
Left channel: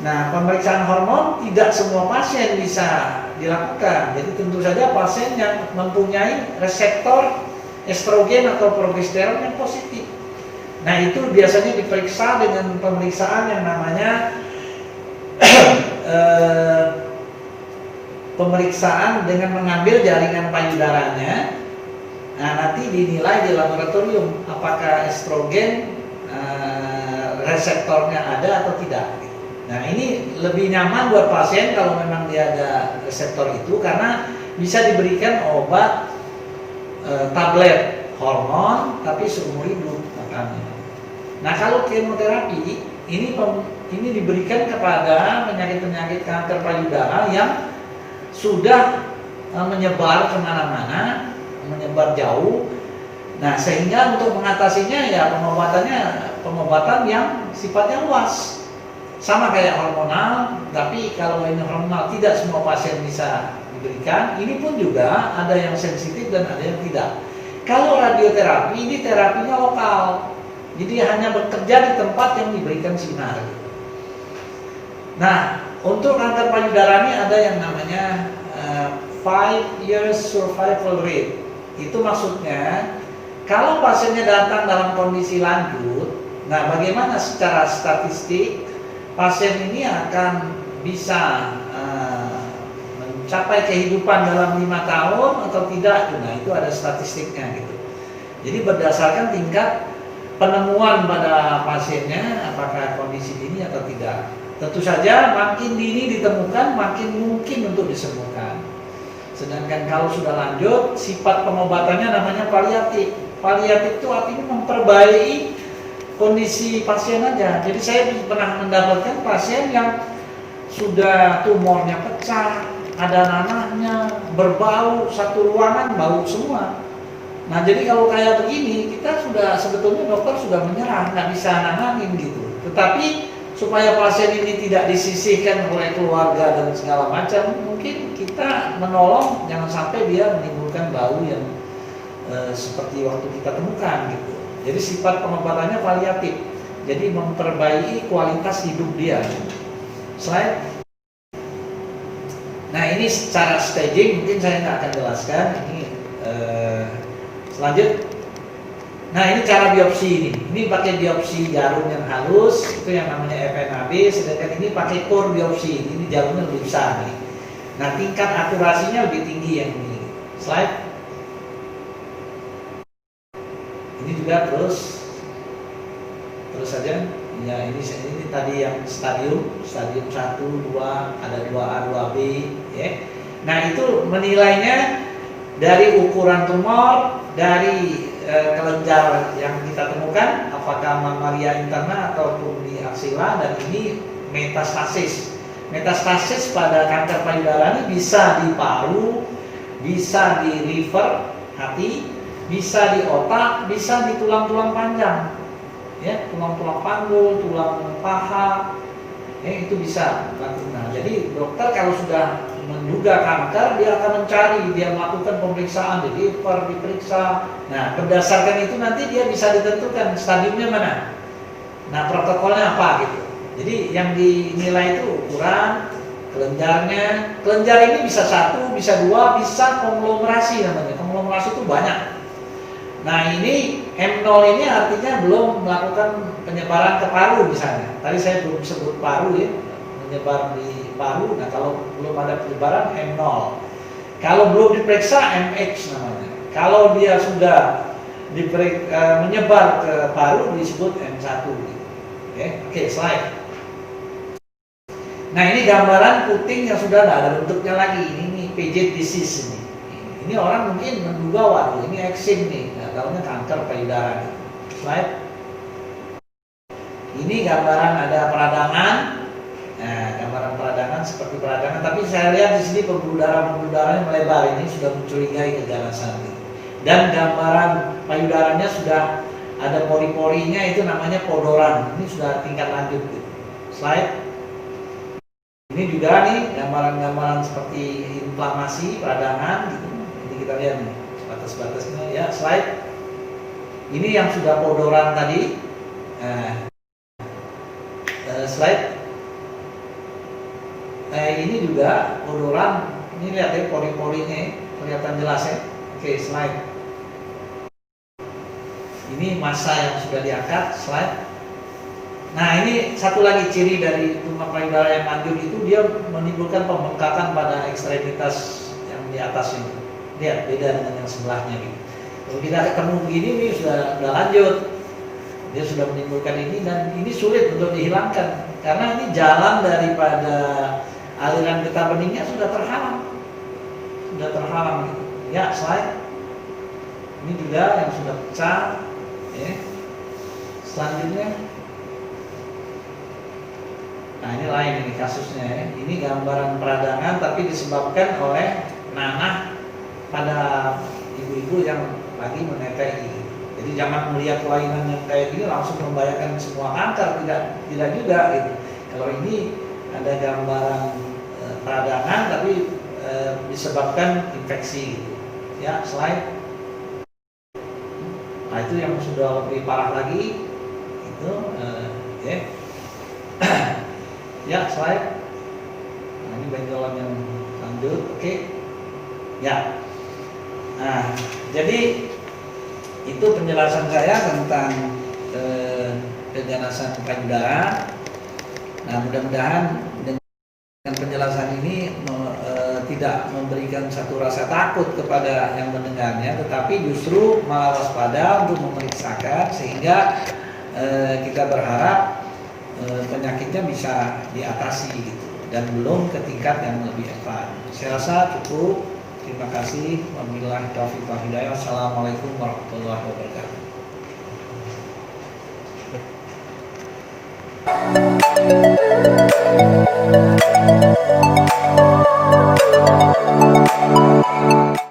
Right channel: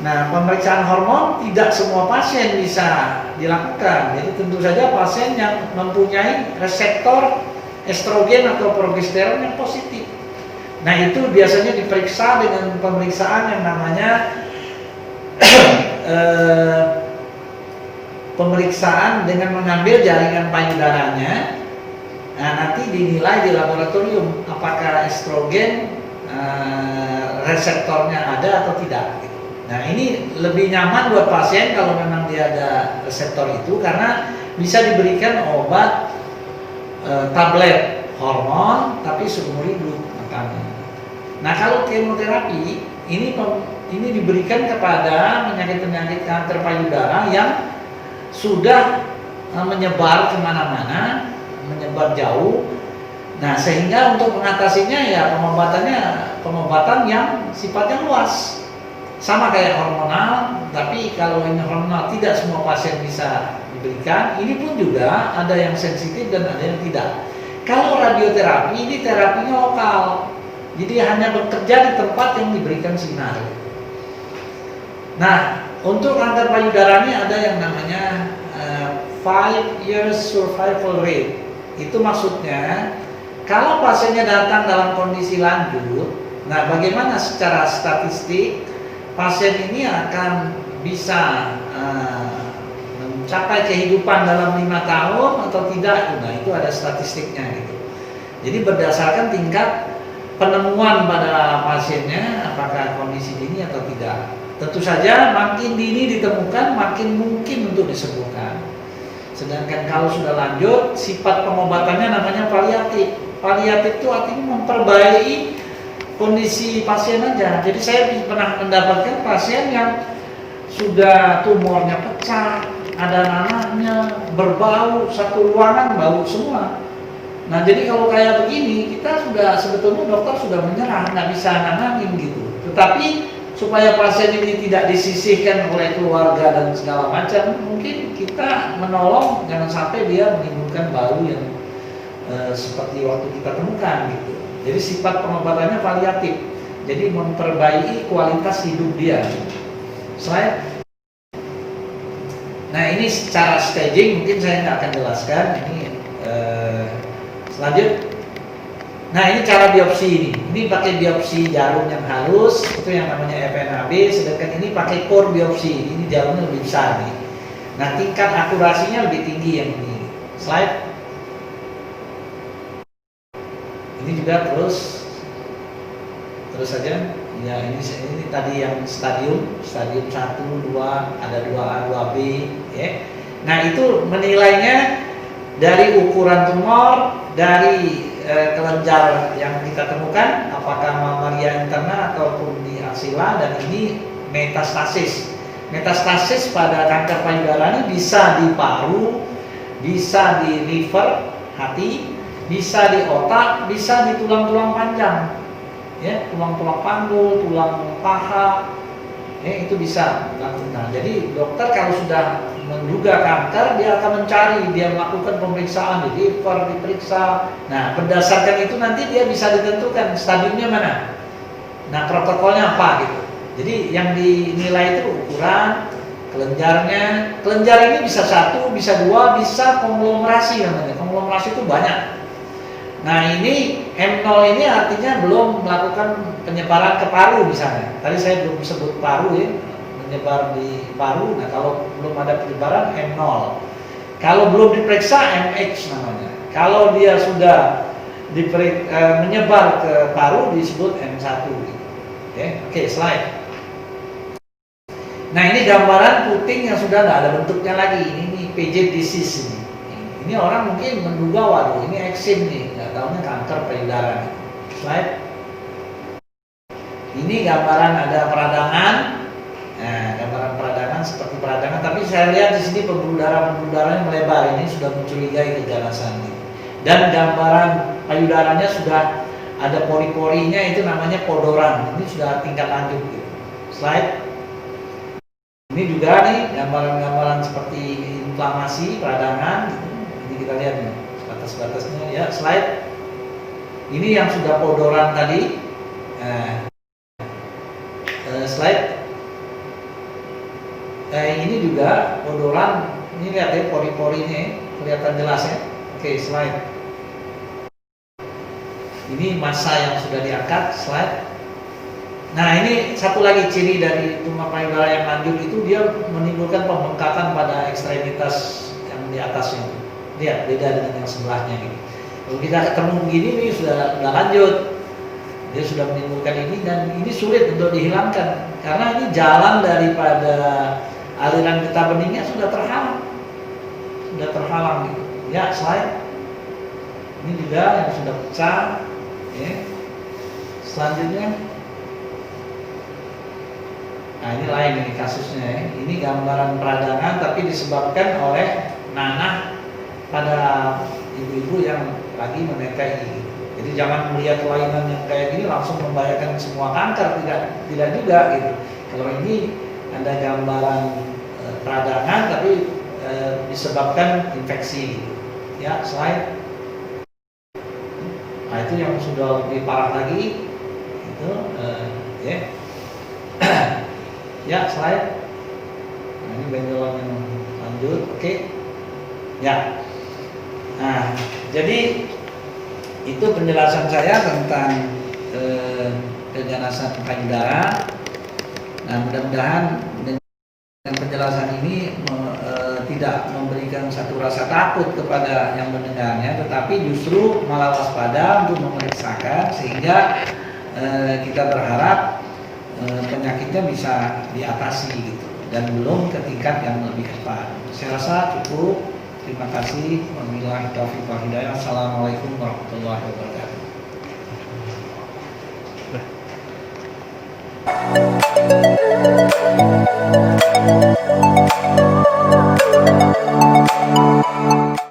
Nah, pemeriksaan hormon tidak semua pasien bisa dilakukan. Jadi tentu saja pasien yang mempunyai reseptor estrogen atau progesteron yang positif. Nah, itu biasanya diperiksa dengan pemeriksaan yang namanya pemeriksaan dengan mengambil jaringan payudaranya. Nah, nanti dinilai di laboratorium apakah estrogen reseptornya ada atau tidak. Gitu. Nah, ini lebih nyaman buat pasien kalau memang dia ada reseptor itu karena bisa diberikan obat tablet hormon tapi seumur hidup makanya. Nah, kalau kemoterapi ini diberikan kepada penyakit-penyakit kanker payudara yang sudah menyebar kemana-mana, menyebar jauh. Nah, sehingga untuk mengatasinya ya pengobatan yang sifatnya luas. Sama kayak hormonal, tapi kalau ini hormonal tidak semua pasien bisa diberikan. Ini pun juga ada yang sensitif dan ada yang tidak. Kalau radioterapi ini terapinya lokal. Jadi hanya bekerja di tempat yang diberikan sinar. Nah, untuk kanker payudara ini ada yang namanya 5 years survival rate. Itu maksudnya kalau pasiennya datang dalam kondisi lanjut, nah bagaimana secara statistik pasien ini akan bisa mencapai kehidupan dalam 5 tahun atau tidak? Nah, itu ada statistiknya gitu. Jadi berdasarkan tingkat penemuan pada pasiennya apakah kondisi dini atau tidak. Tentu saja makin dini ditemukan makin mungkin untuk disembuhkan. Sedangkan kalau sudah lanjut, sifat pengobatannya namanya paliatif. Paliatif itu artinya memperbaiki kondisi pasien aja. Jadi saya pernah mendapatkan pasien yang sudah tumornya pecah, ada nanahnya, berbau, satu ruangan bau semua. Nah, jadi kalau kayak begini, kita sudah sebetulnya dokter sudah menyerah, nggak bisa nanganin gitu. Tetapi supaya pasien ini tidak disisihkan oleh keluarga dan segala macam, mungkin kita menolong jangan sampai dia menimbulkan bau yang seperti waktu kita temukan gitu. Jadi sifat pengobatannya paliatif, jadi memperbaiki kualitas hidup dia. Slide. Nah, ini secara staging mungkin saya nggak akan jelaskan. Ini lanjut. Nah, ini cara biopsi ini. Ini pakai biopsi jarum yang halus, itu yang namanya FNAB. Sedangkan ini pakai core biopsi. Ini jarumnya lebih besar nih. Nah, tingkat akurasinya lebih tinggi yang ini. Slide. Ini juga terus saja. Ya, ini tadi yang stadium 1, 2, ada 2A, 2B, ya. Nah, itu menilainya dari ukuran tumor, dari kelenjar yang kita temukan, apakah mamalia interna ataupun di aksila, dan ini metastasis. Metastasis pada kanker payudara ini bisa di paru, bisa di liver, hati, bisa di otak, bisa di tulang-tulang panjang, ya, tulang-tulang panggul, tulang paha, itu bisa lakukan. Nah, jadi dokter kalau sudah menduga kanker, dia akan mencari, dia melakukan pemeriksaan, diperiksa. Nah, berdasarkan itu nanti dia bisa ditentukan stadiumnya mana. Nah, protokolnya apa gitu. Jadi yang dinilai itu ukuran kelenjarnya. Kelenjar ini bisa 1, bisa 2, bisa konglomerasi namanya. Konglomerasi itu banyak. Nah, ini M0 ini artinya belum melakukan penyebaran ke paru misalnya. Tadi saya belum sebut paru ya, menyebar di paru. Nah, kalau belum ada penyebaran M0. Kalau belum diperiksa MH namanya. Kalau dia sudah menyebar ke paru disebut M1. Oke, slide. Nah, ini gambaran puting yang sudah tidak ada bentuknya lagi. Ini PJ disease ini. Ini orang mungkin menduga, waduh ini eksim nih, nggak tahunya kanker payudara. Slide. Ini gambaran ada peradangan. Nah, gambaran peradangan seperti peradangan, tapi saya lihat di sini pembuluh darahnya melebar. Ini sudah mencurigai keganasan. Dan gambaran payudaranya sudah ada pori-porinya, itu namanya podoran. Ini sudah tingkat lanjut. Slide. Ini juga nih gambaran-gambaran seperti inflamasi peradangan. Ini kita lihat nih batas-batasnya ya. Slide. Ini yang sudah podoran tadi. Slide. Ini juga podoran. Ini lihat ya pori-porinya, kelihatan jelas ya. Oke, slide. Ini massa yang sudah diangkat. Slide. Nah, ini satu lagi ciri dari tumor payudara yang lanjut itu, dia menimbulkan pembengkakan pada ekstremitas yang di atas ini. Lihat beda dengan yang sebelahnya gitu. Kalau kita ketemu begini ini sudah lanjut, dia sudah menimbulkan ini, dan ini sulit untuk dihilangkan karena ini jalan daripada aliran getah beningnya sudah terhalang gitu. Ya, slide. Ini juga yang sudah pecah. Selanjutnya. Nah, ini lain ini kasusnya ya. Ini gambaran peradangan tapi disebabkan oleh nanah pada ibu-ibu yang lagi menetai. Jadi jangan melihat kelainan yang kayak gini langsung membahayakan semua kanker, tidak juga gitu. Kalau ini ada gambaran peradangan tapi disebabkan infeksi gitu. Ya, slide. Nah, itu yang sudah lebih parah lagi itu ya, slide. Nah, ini benjolan yang lanjut. Oke. Ya. Nah, jadi itu penjelasan saya tentang keganasan payudara. Nah, mudah-mudahan dengan penjelasan ini tidak memberikan satu rasa takut kepada yang mendengarnya, tetapi justru malah waspada untuk memeriksakan sehingga kita berharap penyakitnya bisa diatasi gitu, dan belum ke tingkat yang lebih cepat. Saya rasa cukup. Terima kasih. Wabillahi taufiq wal hidayah. Assalamualaikum warahmatullahi wabarakatuh.